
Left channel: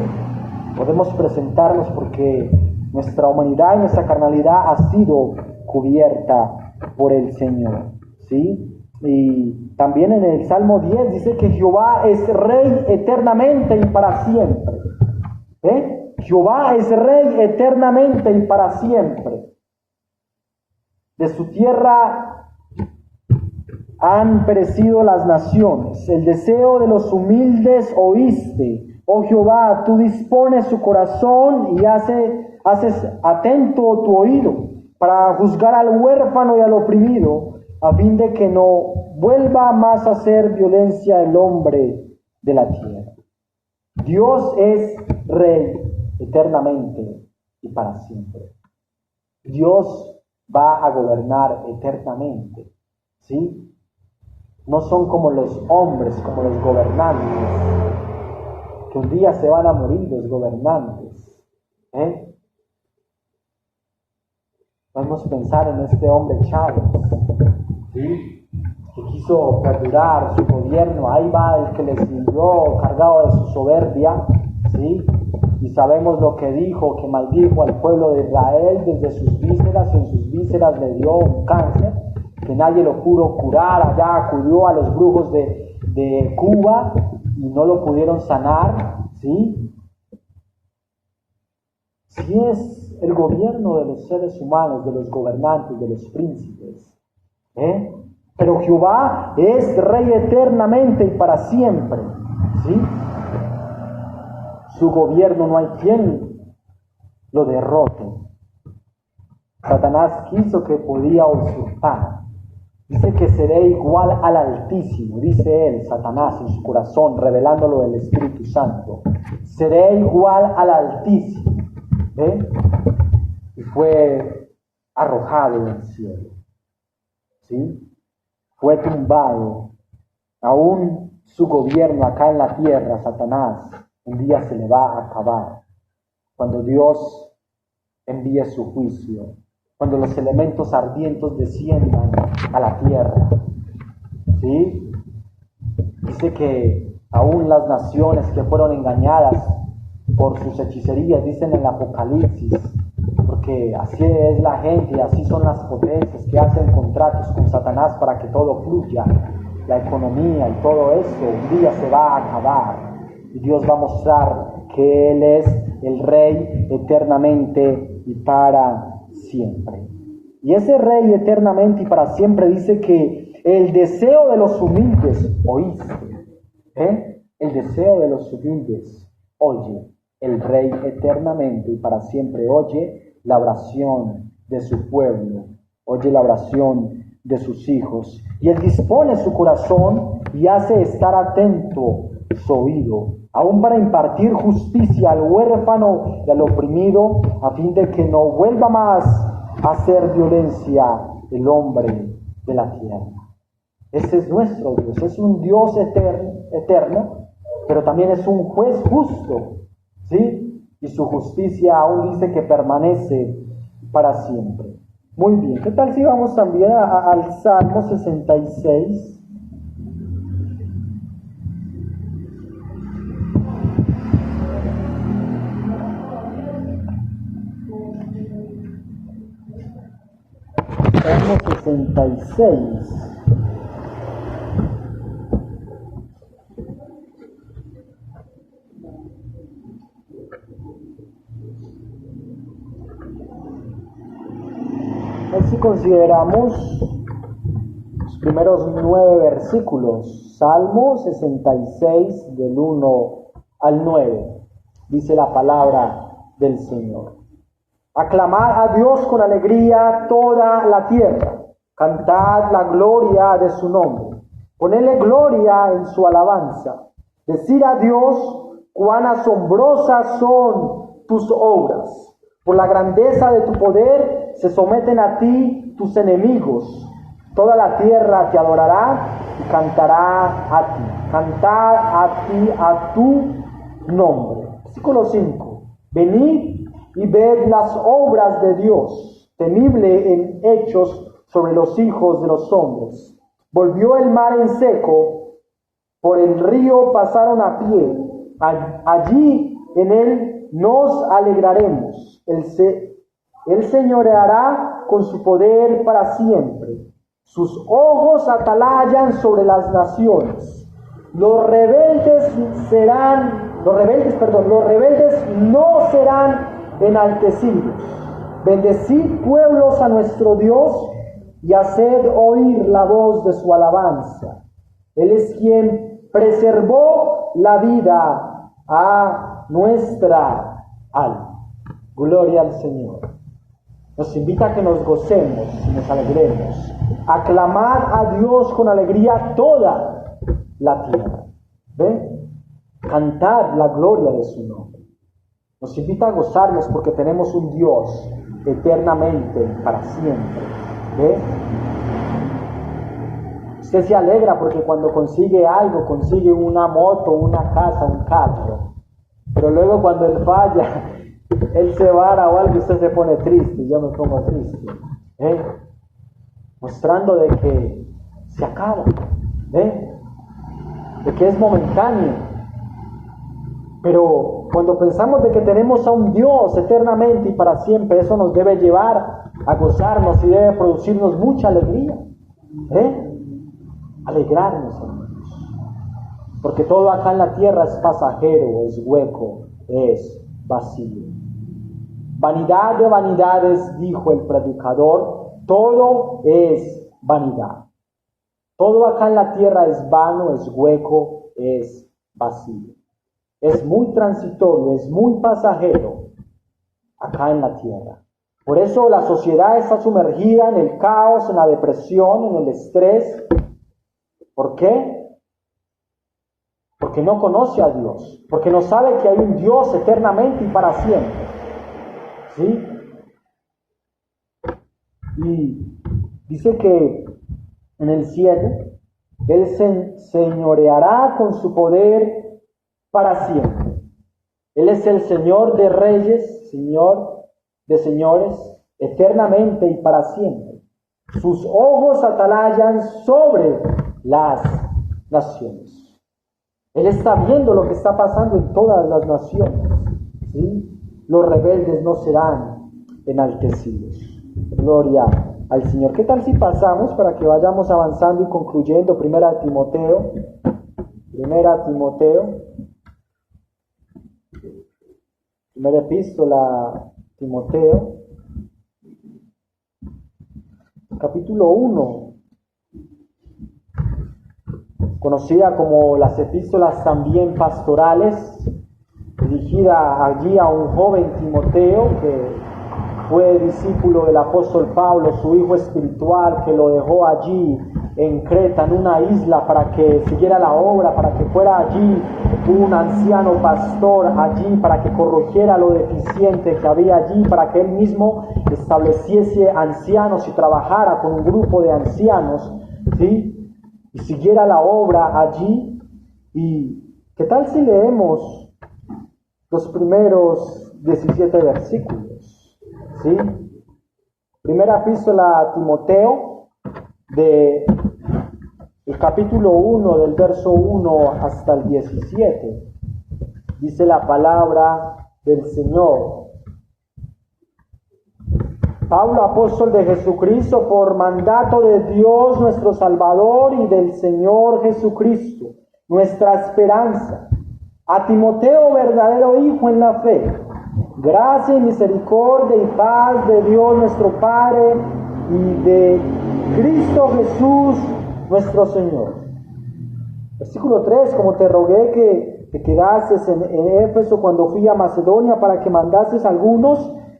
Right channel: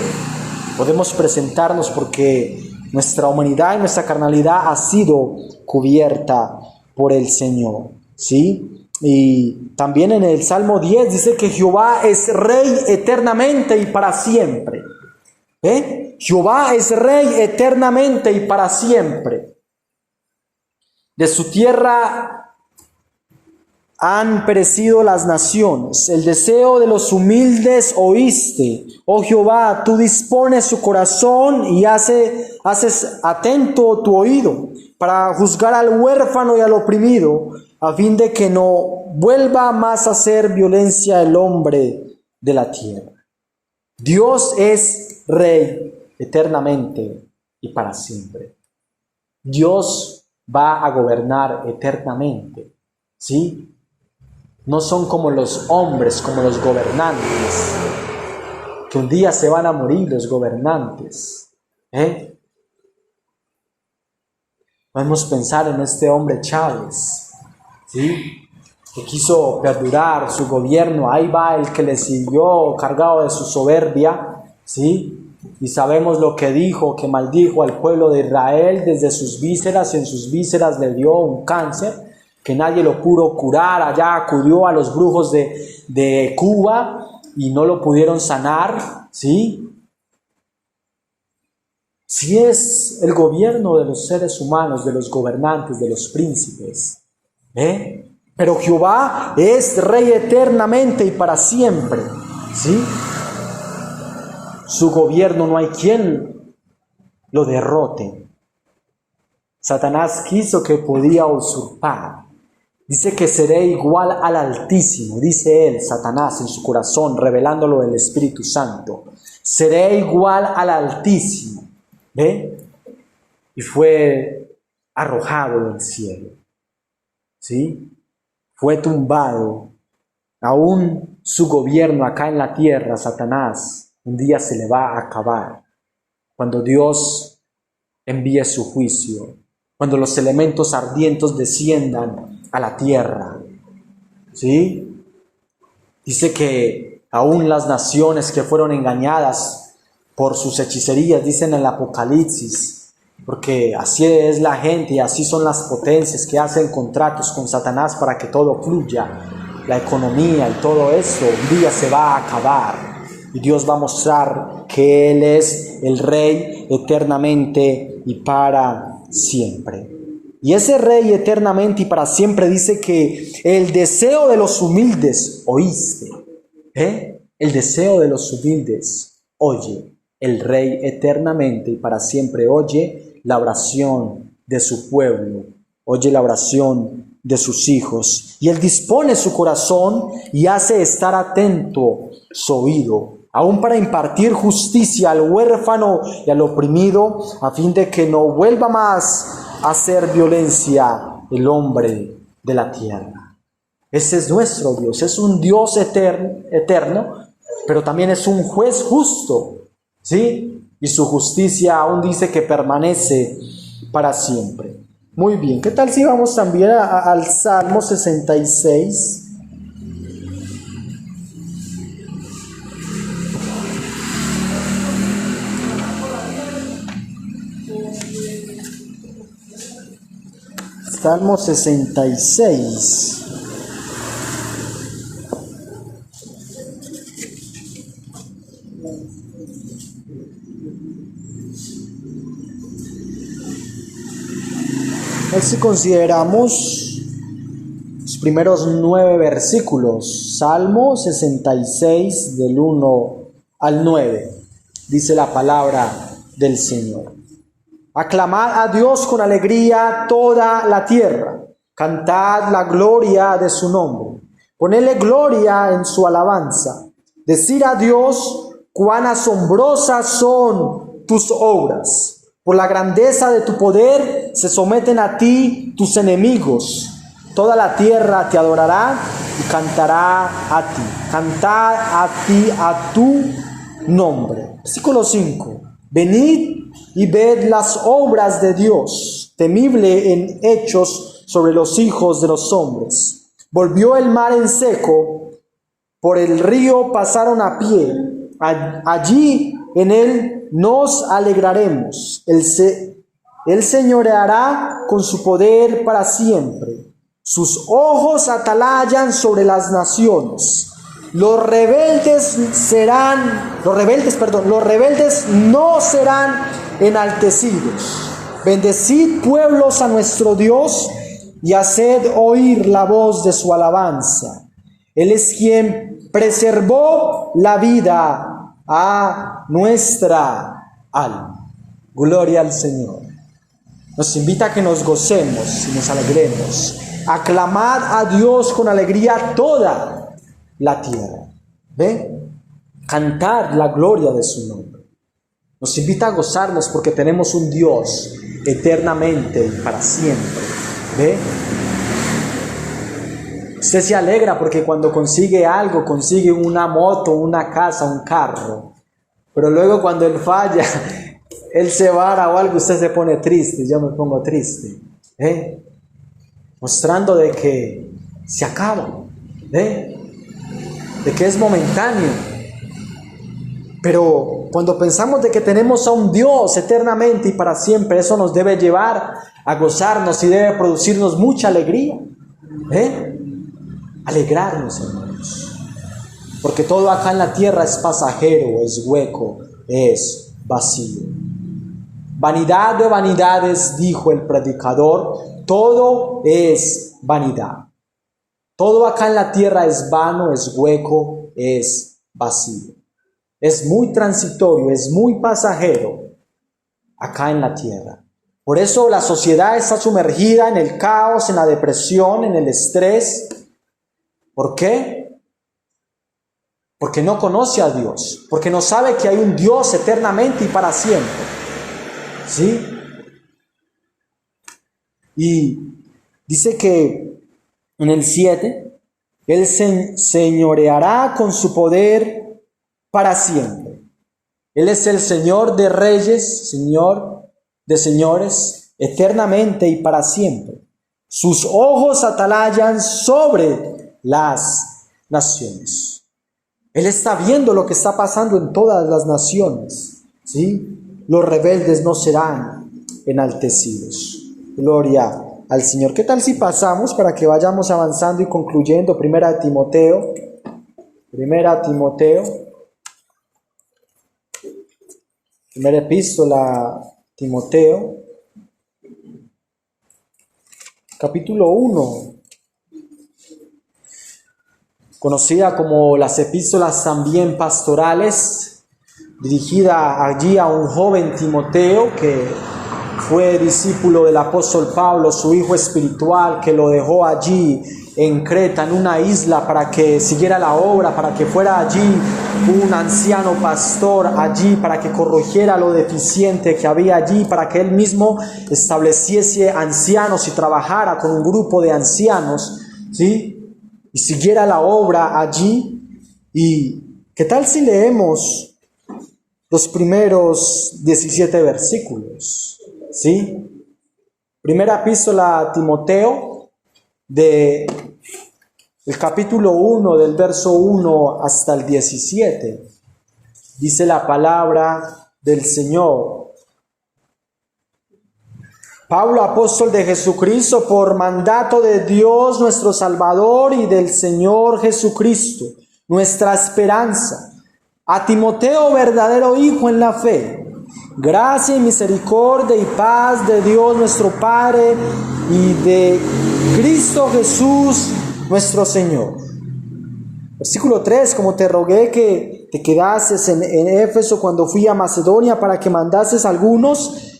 Podemos presentarnos porque nuestra humanidad y nuestra carnalidad ha sido cubierta por el Señor, ¿sí? Y también en el Salmo 10 dice que Jehová es Rey eternamente y para siempre. Jehová es Rey eternamente y para siempre. De su tierra han perecido las naciones. El deseo de los humildes oíste. Oh Jehová, tú dispones su corazón y haces atento tu oído para juzgar al huérfano y al oprimido, a fin de que no vuelva más a hacer violencia el hombre de la tierra. Dios es Rey eternamente y para siempre. Dios va a gobernar eternamente, ¿sí? No son como los hombres, como los gobernantes, que un día se van a morir los gobernantes. Podemos pensar en este hombre Chávez, ¿sí? Que quiso perdurar su gobierno. Ahí va el que le siguió cargado de su soberbia, ¿sí? Y sabemos lo que dijo, que maldijo al pueblo de Israel desde sus vísceras, y en sus vísceras le dio un cáncer que nadie lo pudo curar. Allá acudió a los brujos de Cuba y no lo pudieron sanar, ¿sí? Si es el gobierno de los seres humanos, de los gobernantes, de los príncipes, pero Jehová es Rey eternamente y para siempre, ¿sí? Su gobierno no hay quien lo derrote. Satanás quiso que podía usurpar. Dice que seré igual al Altísimo, dice él, Satanás, en su corazón, revelándolo el Espíritu Santo. Seré igual al Altísimo. Y fue arrojado del cielo, ¿sí? Fue tumbado. Aún su gobierno acá en la tierra, Satanás, un día se le va a acabar, cuando Dios envíe su juicio, cuando los elementos ardientes desciendan a la tierra, ¿sí? Dice que aún las naciones que fueron engañadas por sus hechicerías, dicen en el Apocalipsis, porque así es la gente y así son las potencias que hacen contratos con Satanás para que todo fluya, la economía y todo eso, un día se va a acabar y Dios va a mostrar que Él es el Rey eternamente y para siempre. Y ese Rey eternamente y para siempre dice que el deseo de los humildes oíste, el deseo de los humildes oye. El Rey eternamente y para siempre oye la oración de su pueblo, oye la oración de sus hijos. Y Él dispone su corazón y hace estar atento su oído, aún para impartir justicia al huérfano y al oprimido, a fin de que no vuelva más a hacer violencia el hombre de la tierra. Ese es nuestro Dios, es un Dios eterno, pero también es un juez justo, ¿sí? Y su justicia aún dice que permanece para siempre. Muy bien, ¿qué tal si vamos también al Salmo 66? Salmo 66. Si consideramos los primeros 9 versículos, Salmo 66 del 1 al 9, dice la palabra del Señor. Aclamad a Dios con alegría toda la tierra, cantad la gloria de su nombre, ponedle gloria en su alabanza, decid a Dios cuán asombrosas son tus obras. Por la grandeza de tu poder se someten a ti tus enemigos. Toda la tierra te adorará y cantará a ti. Cantad a ti, a tu nombre. Versículo 5. Venid y ved las obras de Dios, temible en hechos sobre los hijos de los hombres. Volvió el mar en seco, por el río pasaron a pie. Allí en él nos alegraremos. Él señoreará con su poder para siempre. Sus ojos atalayan sobre las naciones. Los rebeldes no serán enaltecidos. Bendecid pueblos a nuestro Dios y haced oír la voz de su alabanza. Él es quien preservó la vida a nuestra alma. Gloria al Señor. Nos invita a que nos gocemos y nos alegremos. Aclamad a Dios con alegría toda la tierra. ¿Ve? Cantar la gloria de su nombre. Nos invita a gozarnos porque tenemos un Dios eternamente y para siempre. ¿Ve? Usted se alegra porque cuando consigue algo, consigue una moto, una casa, un carro. Pero luego cuando él falla, él se vara o algo, usted se pone triste. Yo me pongo triste. Mostrando de que se acaba. De que es momentáneo. Pero cuando pensamos de que tenemos a un Dios eternamente y para siempre, eso nos debe llevar a gozarnos y debe producirnos mucha alegría. Alegrarnos, hermanos. Porque todo acá en la tierra es pasajero, es hueco, es vacío. Vanidad de vanidades, dijo el predicador, todo es vanidad. Todo acá en la tierra es vano, es hueco, es vacío. Es muy transitorio, es muy pasajero acá en la tierra. Por eso la sociedad está sumergida en el caos, en la depresión, en el estrés. ¿Por qué? Porque no conoce a Dios, porque no sabe que hay un Dios eternamente y para siempre. ¿Sí? Y dice que en el 7, Él señoreará con su poder para siempre. Él es el Señor de reyes, Señor de señores, eternamente y para siempre. Sus ojos atalayan sobre las naciones. Él está viendo lo que está pasando en todas las naciones. ¿Sí? Los rebeldes no serán enaltecidos. Gloria al Señor. ¿Qué tal si pasamos para que vayamos avanzando y concluyendo? Primera Timoteo, primera epístola a Timoteo, capítulo 1, conocida como las epístolas también pastorales, dirigida allí a un joven Timoteo que fue discípulo del apóstol Pablo, su hijo espiritual, que lo dejó allí en Creta, en una isla, para que siguiera la obra, para que fuera allí un anciano pastor allí, para que corrigiera lo deficiente que había allí, para que él mismo estableciese ancianos y trabajara con un grupo de ancianos, ¿sí? Y siguiera la obra allí. ¿Y qué tal si leemos los primeros 17 versículos? ¿Sí? Primera epístola a Timoteo, del capítulo 1, del verso 1 hasta el 17. Dice la palabra del Señor. Pablo, apóstol de Jesucristo, por mandato de Dios nuestro Salvador y del Señor Jesucristo, nuestra esperanza. A Timoteo, verdadero hijo en la fe. Gracia y misericordia y paz de Dios nuestro Padre y de Cristo Jesús nuestro Señor. Versículo 3, como te rogué que te quedases en Éfeso cuando fui a Macedonia, para que mandases algunos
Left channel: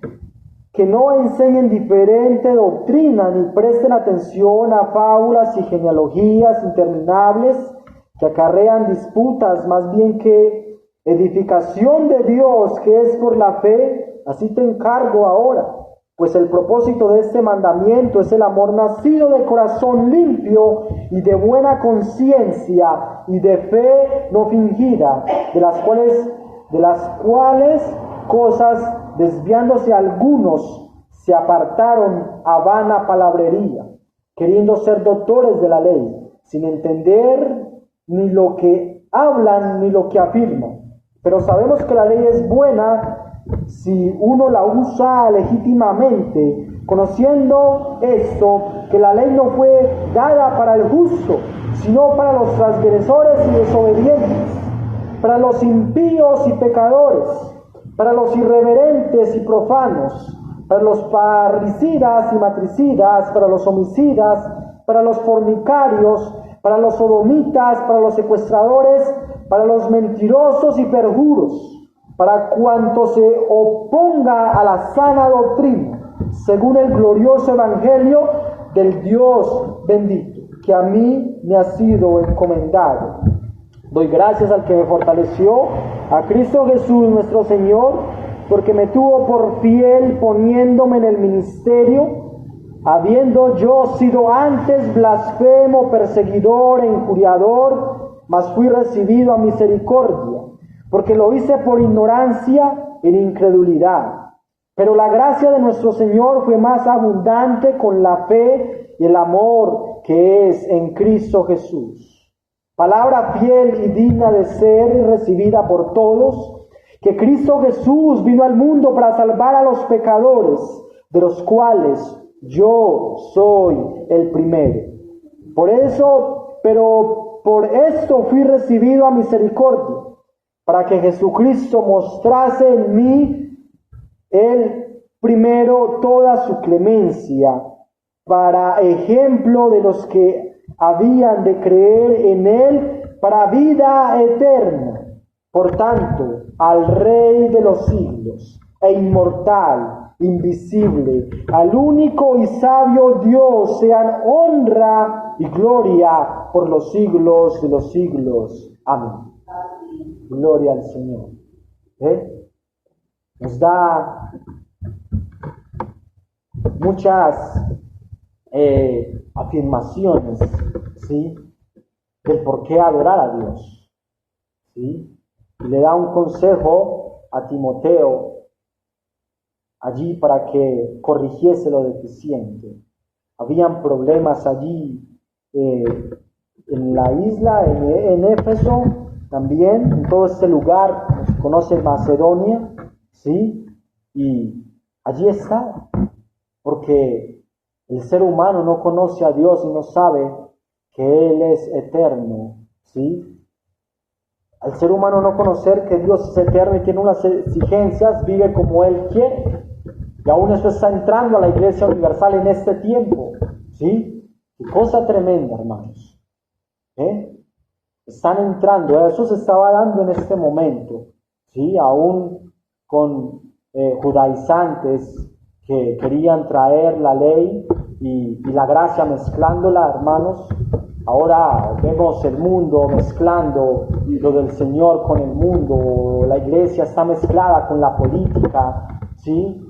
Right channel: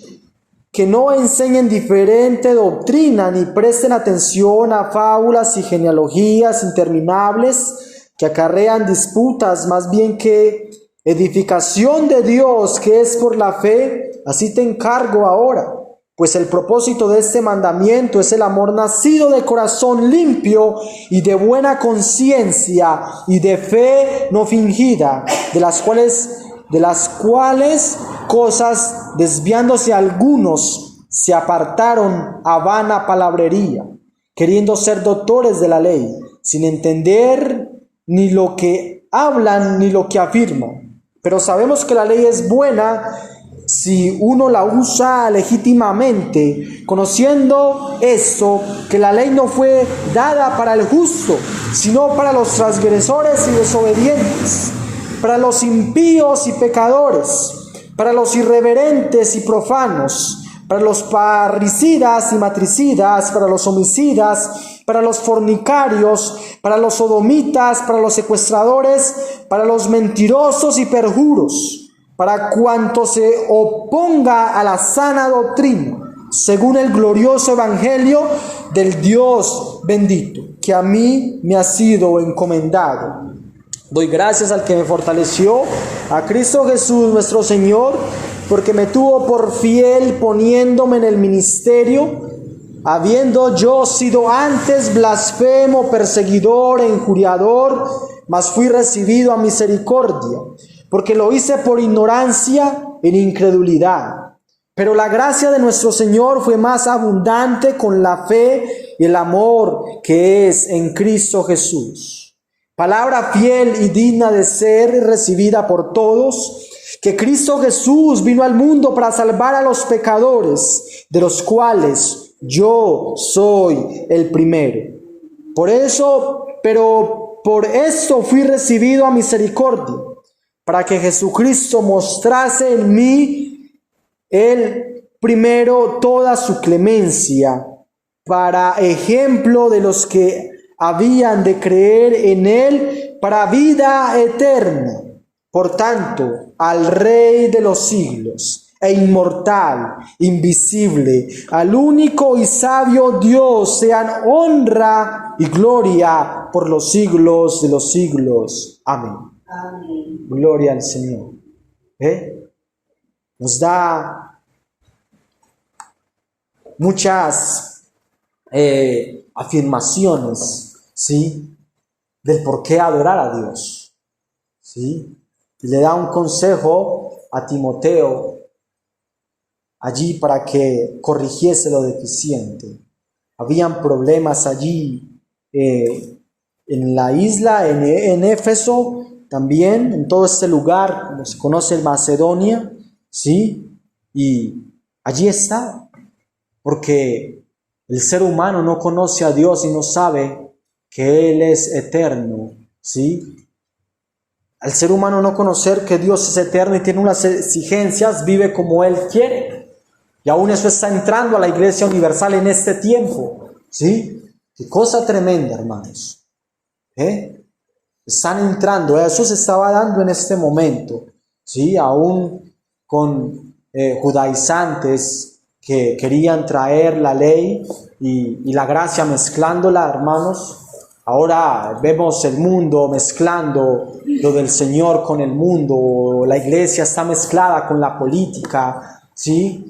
que no enseñen diferente doctrina, ni presten atención a fábulas y genealogías interminables que acarrean disputas, más bien que edificación de Dios que es por la fe, así te encargo ahora. Pues el propósito de este mandamiento es el amor nacido de corazón limpio y de buena conciencia y de fe no fingida, de las cuales cosas desviándose algunos se apartaron a vana palabrería, queriendo ser doctores de la ley, sin entender ni lo que hablan ni lo que afirman. Pero sabemos que la ley es buena si uno la usa legítimamente, conociendo esto, que la ley no fue dada para el justo, sino para los transgresores y desobedientes, para los impíos y pecadores, para los irreverentes y profanos, para los parricidas y matricidas, para los homicidas, para los fornicarios, para los sodomitas, para los secuestradores, para los mentirosos y perjuros, para cuanto se oponga a la sana doctrina, según el glorioso evangelio del Dios bendito, que a mí me ha sido encomendado. Doy gracias al que me fortaleció, a Cristo Jesús nuestro Señor, porque me tuvo por fiel poniéndome en el ministerio, habiendo yo sido antes blasfemo, perseguidor e injuriador, mas fui recibido a misericordia, porque lo hice por ignorancia en incredulidad. Pero la gracia de nuestro Señor fue más abundante con la fe y el amor que es en Cristo Jesús. Palabra fiel y digna de ser recibida por todos, que Cristo Jesús vino al mundo para salvar a los pecadores, de los cuales yo soy el primero. Por esto fui recibido a misericordia, para que Jesucristo mostrase en mí el primero toda su clemencia, para ejemplo de los que habían de creer en él para vida eterna. Por tanto, al Rey de los siglos e inmortal, invisible, al único y sabio Dios, sean honra y gloria por los siglos de los siglos. Amén. Amén. Gloria al Señor. Nos da muchas afirmaciones, ¿sí?, del por qué adorar a Dios, ¿sí? Y le da un consejo a Timoteo allí para que corrigiese lo deficiente. Habían problemas allí en la isla, en Éfeso, también en todo este lugar, como se conoce Macedonia, ¿sí? Y allí está, porque el ser humano no conoce a Dios y no sabe que Él es eterno, ¿sí? Al ser humano no conocer que Dios es eterno y tiene unas exigencias, vive como Él quiere. Y aún eso está entrando a la Iglesia Universal en este tiempo, ¿sí? Qué cosa tremenda, hermanos. Están entrando, eso se estaba dando en este momento, ¿sí? Aún con judaizantes que querían traer la ley y la gracia mezclándola, hermanos. Ahora vemos el mundo mezclando lo del Señor con el mundo. La iglesia está mezclada con la política, ¿sí?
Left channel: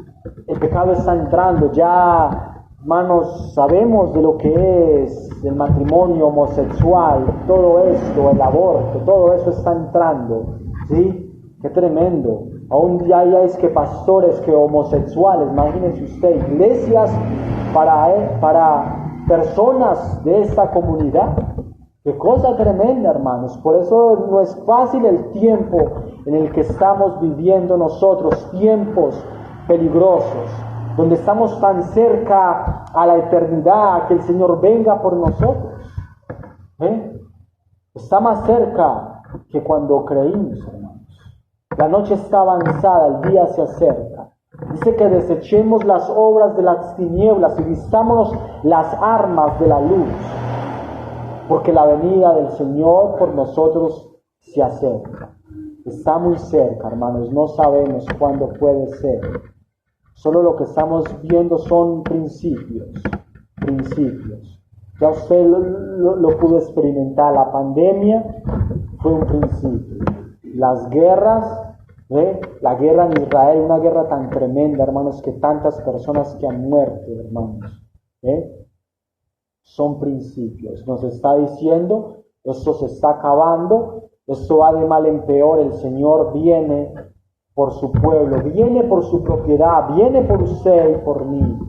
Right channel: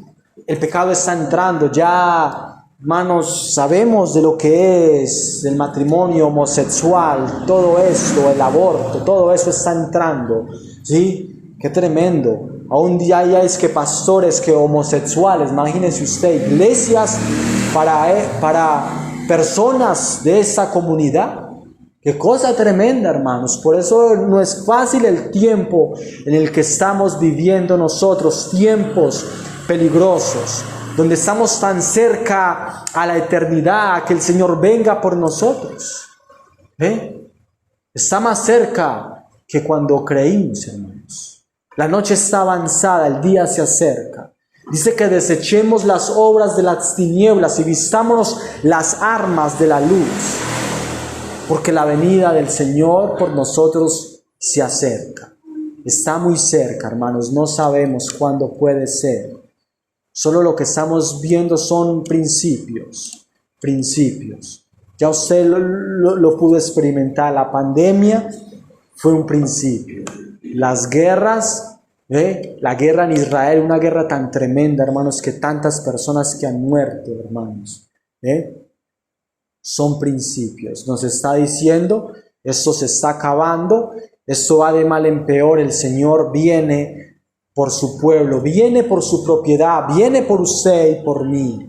El pecado está entrando. Ya, hermanos, sabemos de lo que es el matrimonio homosexual, todo esto, el aborto, todo eso está entrando, ¿sí? Qué tremendo. Aún día hay es que pastores que homosexuales, imagínense usted, iglesias para personas de esa comunidad. Qué cosa tremenda, hermanos. Por eso no es fácil el tiempo en el que estamos viviendo nosotros, tiempos peligrosos, donde estamos tan cerca a la eternidad, a que el Señor venga por nosotros. Está más cerca que cuando creímos, hermanos. La noche está avanzada, el día se acerca. Dice que desechemos las obras de las tinieblas y vistámonos las armas de la luz, porque la venida del Señor por nosotros se acerca. Está muy cerca, hermanos, no sabemos cuándo puede ser. Solo lo que estamos viendo son principios. Ya usted lo pudo experimentar, la pandemia fue un principio. las guerras, la guerra en Israel, una guerra tan tremenda, hermanos, que tantas personas que han muerto, hermanos, son principios. Nos está diciendo, esto se está acabando, esto va de mal en peor, el Señor viene por su pueblo, viene por su propiedad, viene por usted y por mí,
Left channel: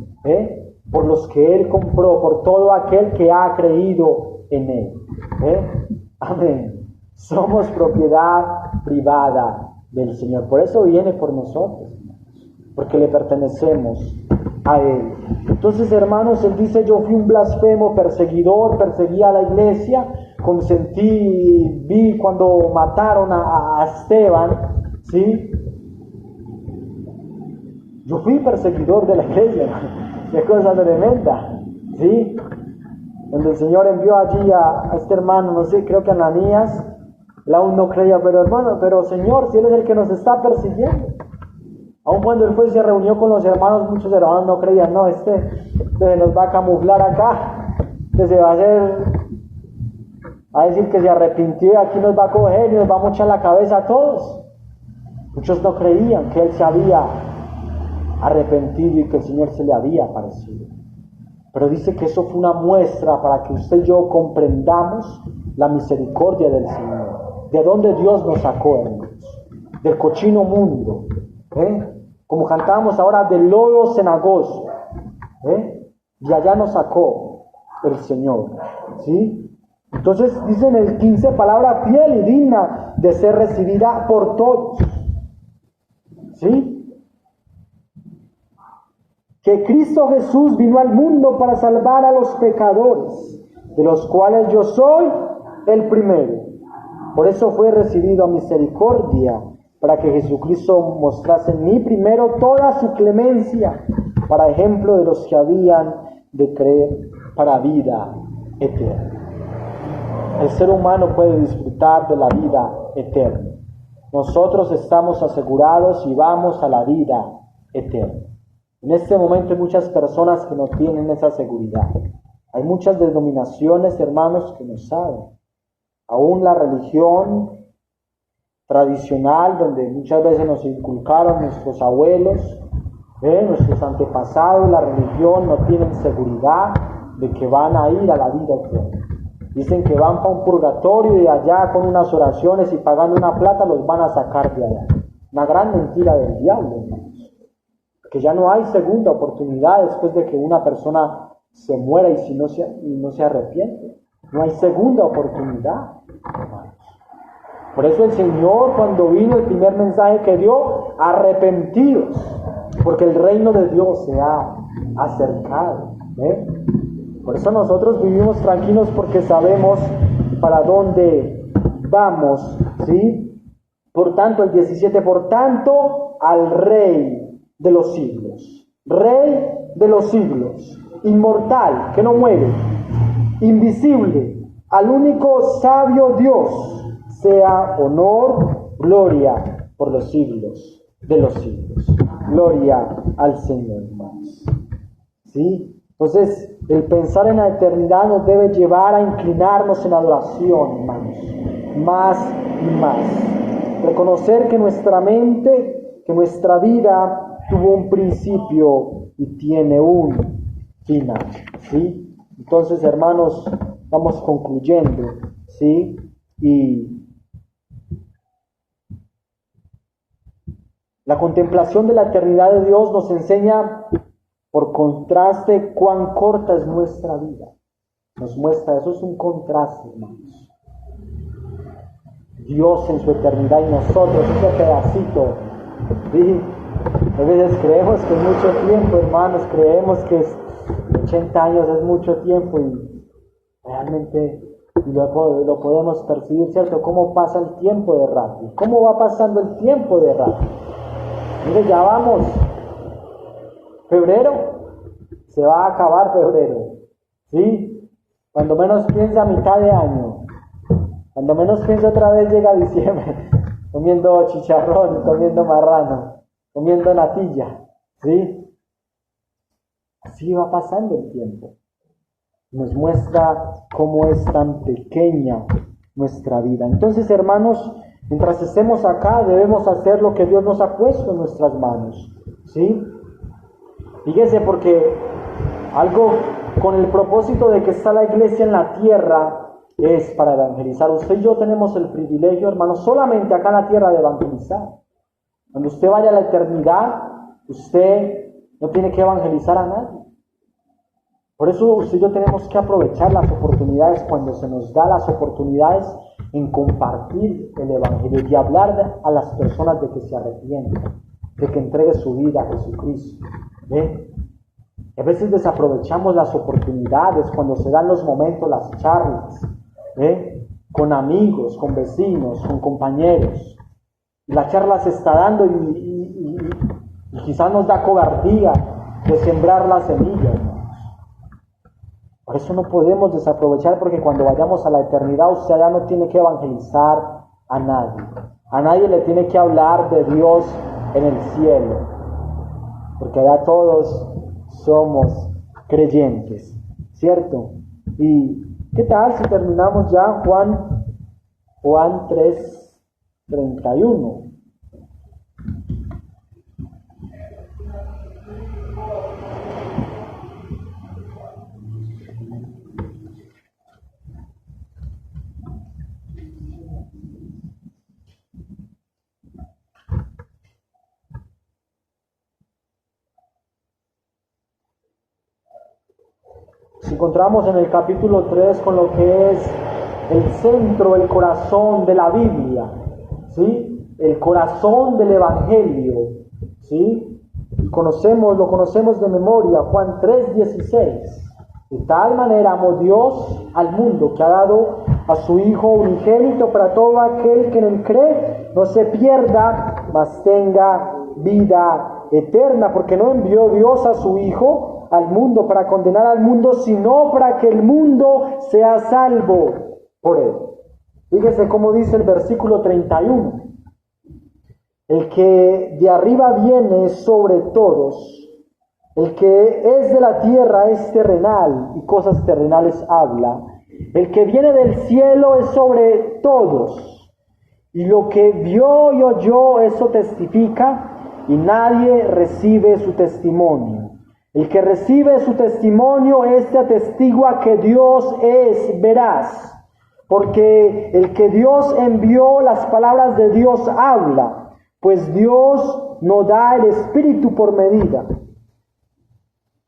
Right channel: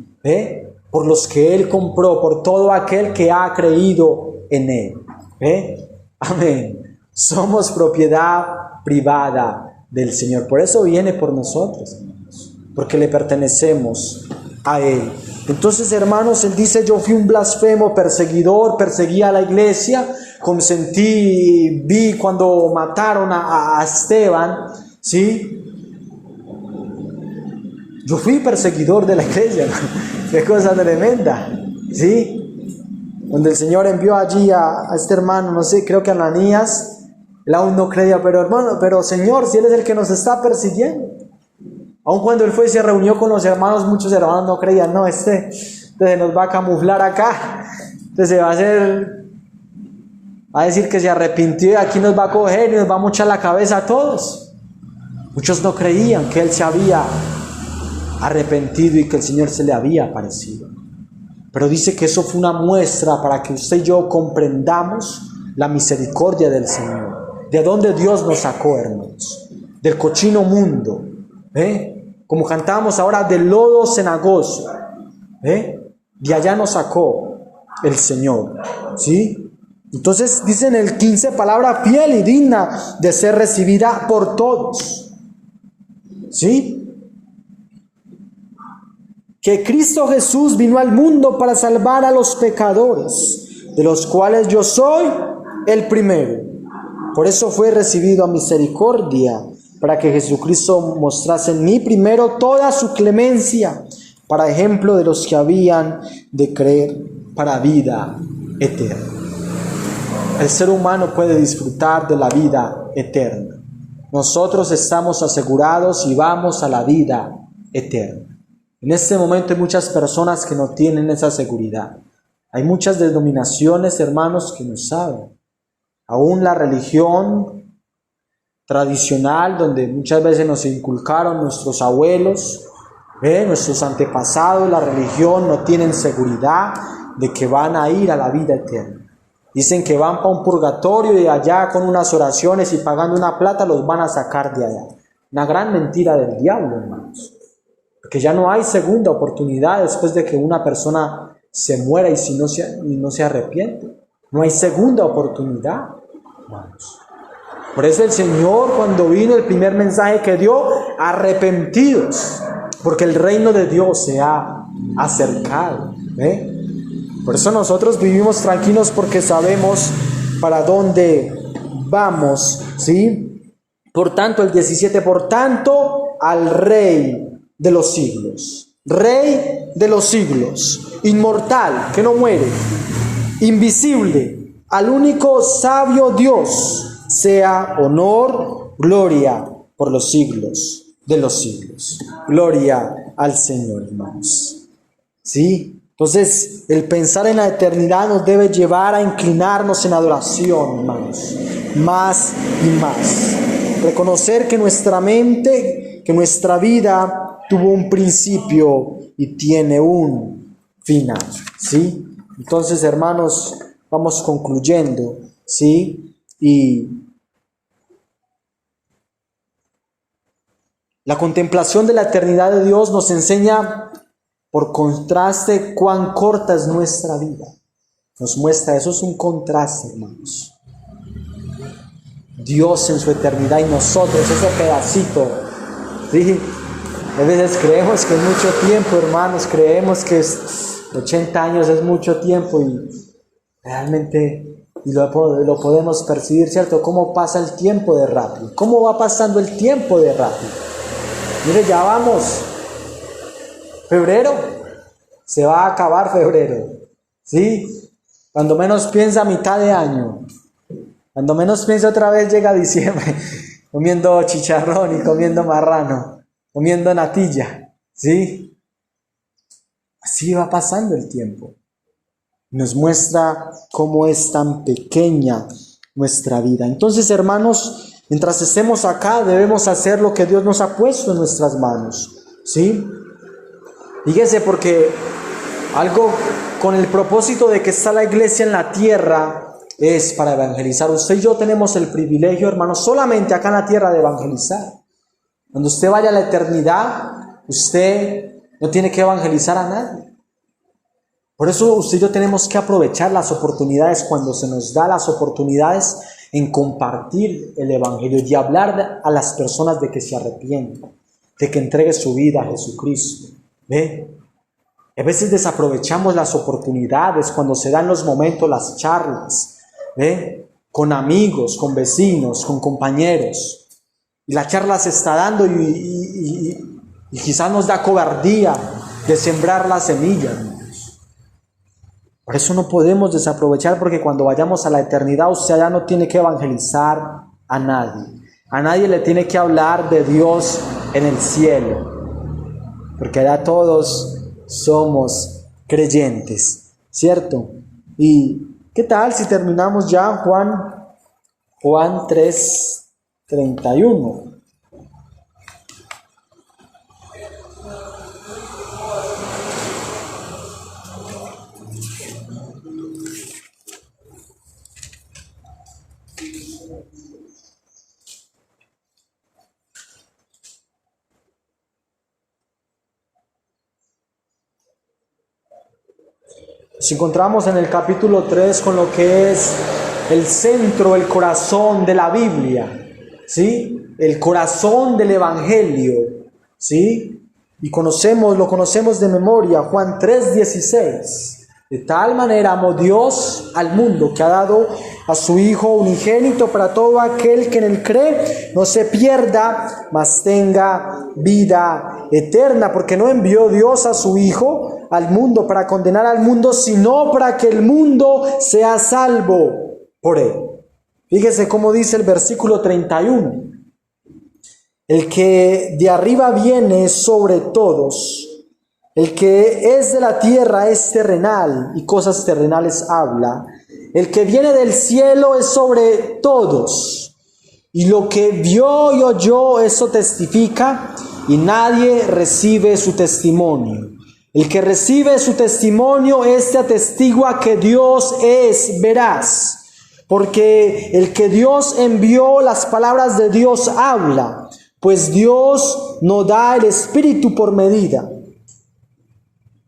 por los que Él compró, por todo aquel que ha creído en Él. Amén. Somos propiedad privada del Señor, por eso viene por nosotros, hermanos, porque le pertenecemos a Él. Entonces, hermanos, Él dice, yo fui un blasfemo, perseguidor, perseguía a la iglesia, consentí, vi cuando mataron a Esteban, ¿sí? Yo fui perseguidor de la iglesia, qué cosa tremenda, ¿sí? Donde el Señor envió allí a este hermano, no sé, creo que a Ananías, él aún no creía, pero hermano, pero Señor, si Él es el que nos está persiguiendo. Aun cuando Él fue y se reunió con los hermanos, muchos hermanos no creían, no, este se nos va a camuflar acá, se va a decir que se arrepintió y aquí nos va a coger y nos va a mochar la cabeza a todos. Muchos no creían que Él se había arrepentido y que el Señor se le había aparecido. Pero dice que eso fue una muestra para que usted y yo comprendamos la misericordia del Señor. De dónde Dios nos sacó, hermanos. Del cochino mundo. Como cantábamos ahora, del lodo cenagoso. De allá nos sacó el Señor. ¿Sí? Entonces dice en el 15, palabra fiel y digna de ser recibida por todos. ¿Sí? Que Cristo Jesús vino al mundo para salvar a los pecadores, de los cuales yo soy el primero. Por eso fue recibido a misericordia, para que Jesucristo mostrase en mí primero toda su clemencia, para ejemplo de los que habían de creer para vida eterna. El ser humano puede disfrutar de la vida eterna. Nosotros estamos asegurados y vamos a la vida eterna. En este momento hay muchas personas que no tienen esa seguridad. Hay muchas denominaciones, hermanos, que no saben. Aún la religión tradicional, donde muchas veces nos inculcaron nuestros abuelos, nuestros antepasados, la religión, no tienen seguridad de que van a ir a la vida eterna. Dicen que van para un purgatorio y allá con unas oraciones y pagando una plata los van a sacar de allá. Una gran mentira del diablo, hermanos. Porque ya no hay segunda oportunidad después de que una persona se muera y si no se arrepiente. No hay segunda oportunidad, hermanos. Por eso el Señor, cuando vino, el primer mensaje que dio, arrepentidos, porque el reino de Dios se ha acercado. Por eso nosotros vivimos tranquilos, porque sabemos para dónde vamos, ¿sí? Por tanto, el 17, por tanto, al Rey de los siglos, Rey de los siglos, inmortal, que no muere, invisible, al único sabio Dios, sea honor, gloria por los siglos de los siglos. Gloria al Señor, hermanos. ¿Sí? Entonces, el pensar en la eternidad nos debe llevar a inclinarnos en adoración, hermanos, más y más. Reconocer que nuestra mente, que nuestra vida tuvo un principio y tiene un final, ¿sí? Entonces, hermanos, vamos concluyendo, ¿sí? Y la contemplación de la eternidad de Dios nos enseña, por contraste, cuán corta es nuestra vida. Nos muestra, eso es un contraste, hermanos. Dios en su eternidad y nosotros, ese pedacito, ¿sí? A veces creemos que es mucho tiempo, hermanos, creemos que 80 años es mucho tiempo y realmente lo podemos percibir, ¿cierto? ¿Cómo pasa el tiempo de rápido? ¿Cómo va pasando el tiempo de rápido? Mire, ya vamos. Febrero, se va a acabar febrero, ¿sí? Cuando menos piensa, mitad de año. Cuando menos piensa, otra vez llega diciembre, comiendo chicharrón y comiendo marrano, comiendo natilla, ¿sí? Así va pasando el tiempo. Nos muestra cómo es tan pequeña nuestra vida. Entonces, hermanos, Mientras estemos acá debemos hacer lo que Dios nos ha puesto en nuestras manos, ¿sí? Fíjese, porque algo con el propósito de que está la iglesia en la tierra es para evangelizar. Usted y yo tenemos el privilegio, hermanos, solamente acá en la tierra de evangelizar. Cuando usted vaya a la eternidad, usted no tiene que evangelizar a nadie. Por eso usted y yo tenemos que aprovechar las oportunidades cuando se nos da las oportunidades en compartir el evangelio y hablar a las personas de que se arrepientan, de que entregue su vida a Jesucristo. ¿Ve? A veces desaprovechamos las oportunidades cuando se dan los momentos, las charlas, ¿ve? Con amigos, con vecinos, con compañeros. Y la charla se está dando y quizás nos da cobardía de sembrar la semilla, hermanos. Por eso no podemos desaprovechar, porque cuando vayamos a la eternidad usted ya no tiene que evangelizar a nadie. A nadie le tiene que hablar de Dios en el cielo, porque allá todos somos creyentes, ¿cierto? ¿Y qué tal si terminamos ya Juan 3:31? Nos encontramos en el capítulo 3 con lo que es el centro, el corazón de la Biblia, ¿sí? El corazón del Evangelio, ¿sí? Y lo conocemos de memoria, Juan 3:16. De tal manera amó Dios al mundo que ha dado a su Hijo unigénito para todo aquel que en él cree no se pierda, mas tenga vida eterna, porque no envió Dios a su Hijo al mundo para condenar al mundo, sino para que el mundo sea salvo por él. Fíjese cómo dice el versículo 31. El que de arriba viene sobre todos, el que es de la tierra es terrenal y cosas terrenales habla. El que viene del cielo es sobre todos, y lo que vio y oyó eso testifica, y nadie recibe su testimonio. El que recibe su testimonio, este atestigua que Dios es veraz, porque el que Dios envió, las palabras de Dios habla, pues Dios no da el Espíritu por medida.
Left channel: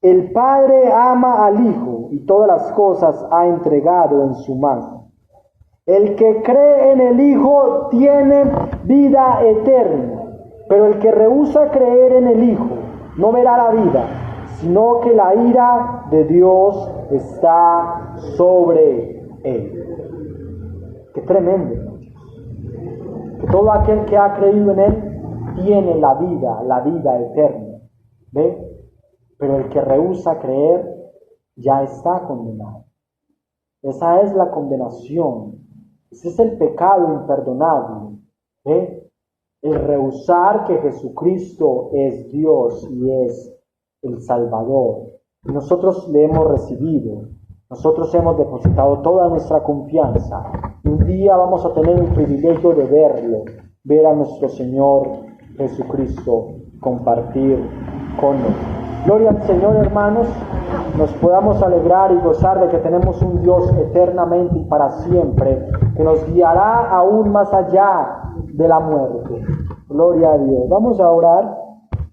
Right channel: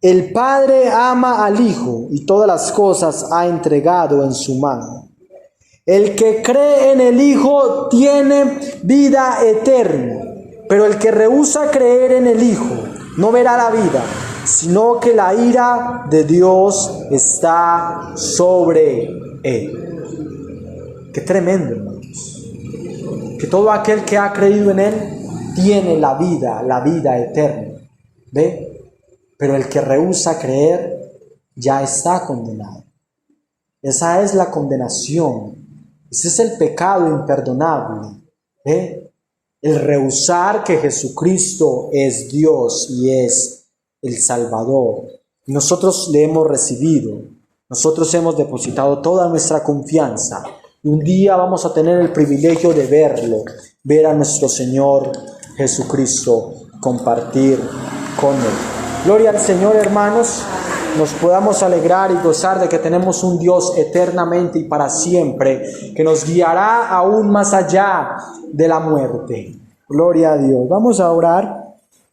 El Padre ama al Hijo y todas las cosas ha entregado en su mano. El que cree en el Hijo tiene vida eterna, pero el que rehúsa creer en el Hijo no verá la vida, sino que la ira de Dios está sobre él. Qué tremendo, hermanos. Que todo aquel que ha creído en él tiene la vida eterna. ¿Ve? Pero el que rehúsa creer ya está condenado. Esa es la condenación. Ese es el pecado imperdonable. ¿Ve? El rehusar que Jesucristo es Dios y es el Salvador. Nosotros le hemos recibido, nosotros hemos depositado toda nuestra confianza, y un día vamos a tener el privilegio de ver a nuestro Señor Jesucristo, compartir con Él. Gloria al Señor, hermanos. Nos podamos alegrar y gozar de que tenemos un Dios eternamente y para siempre, que nos guiará aún más allá de la muerte. Gloria a Dios. Vamos a orar.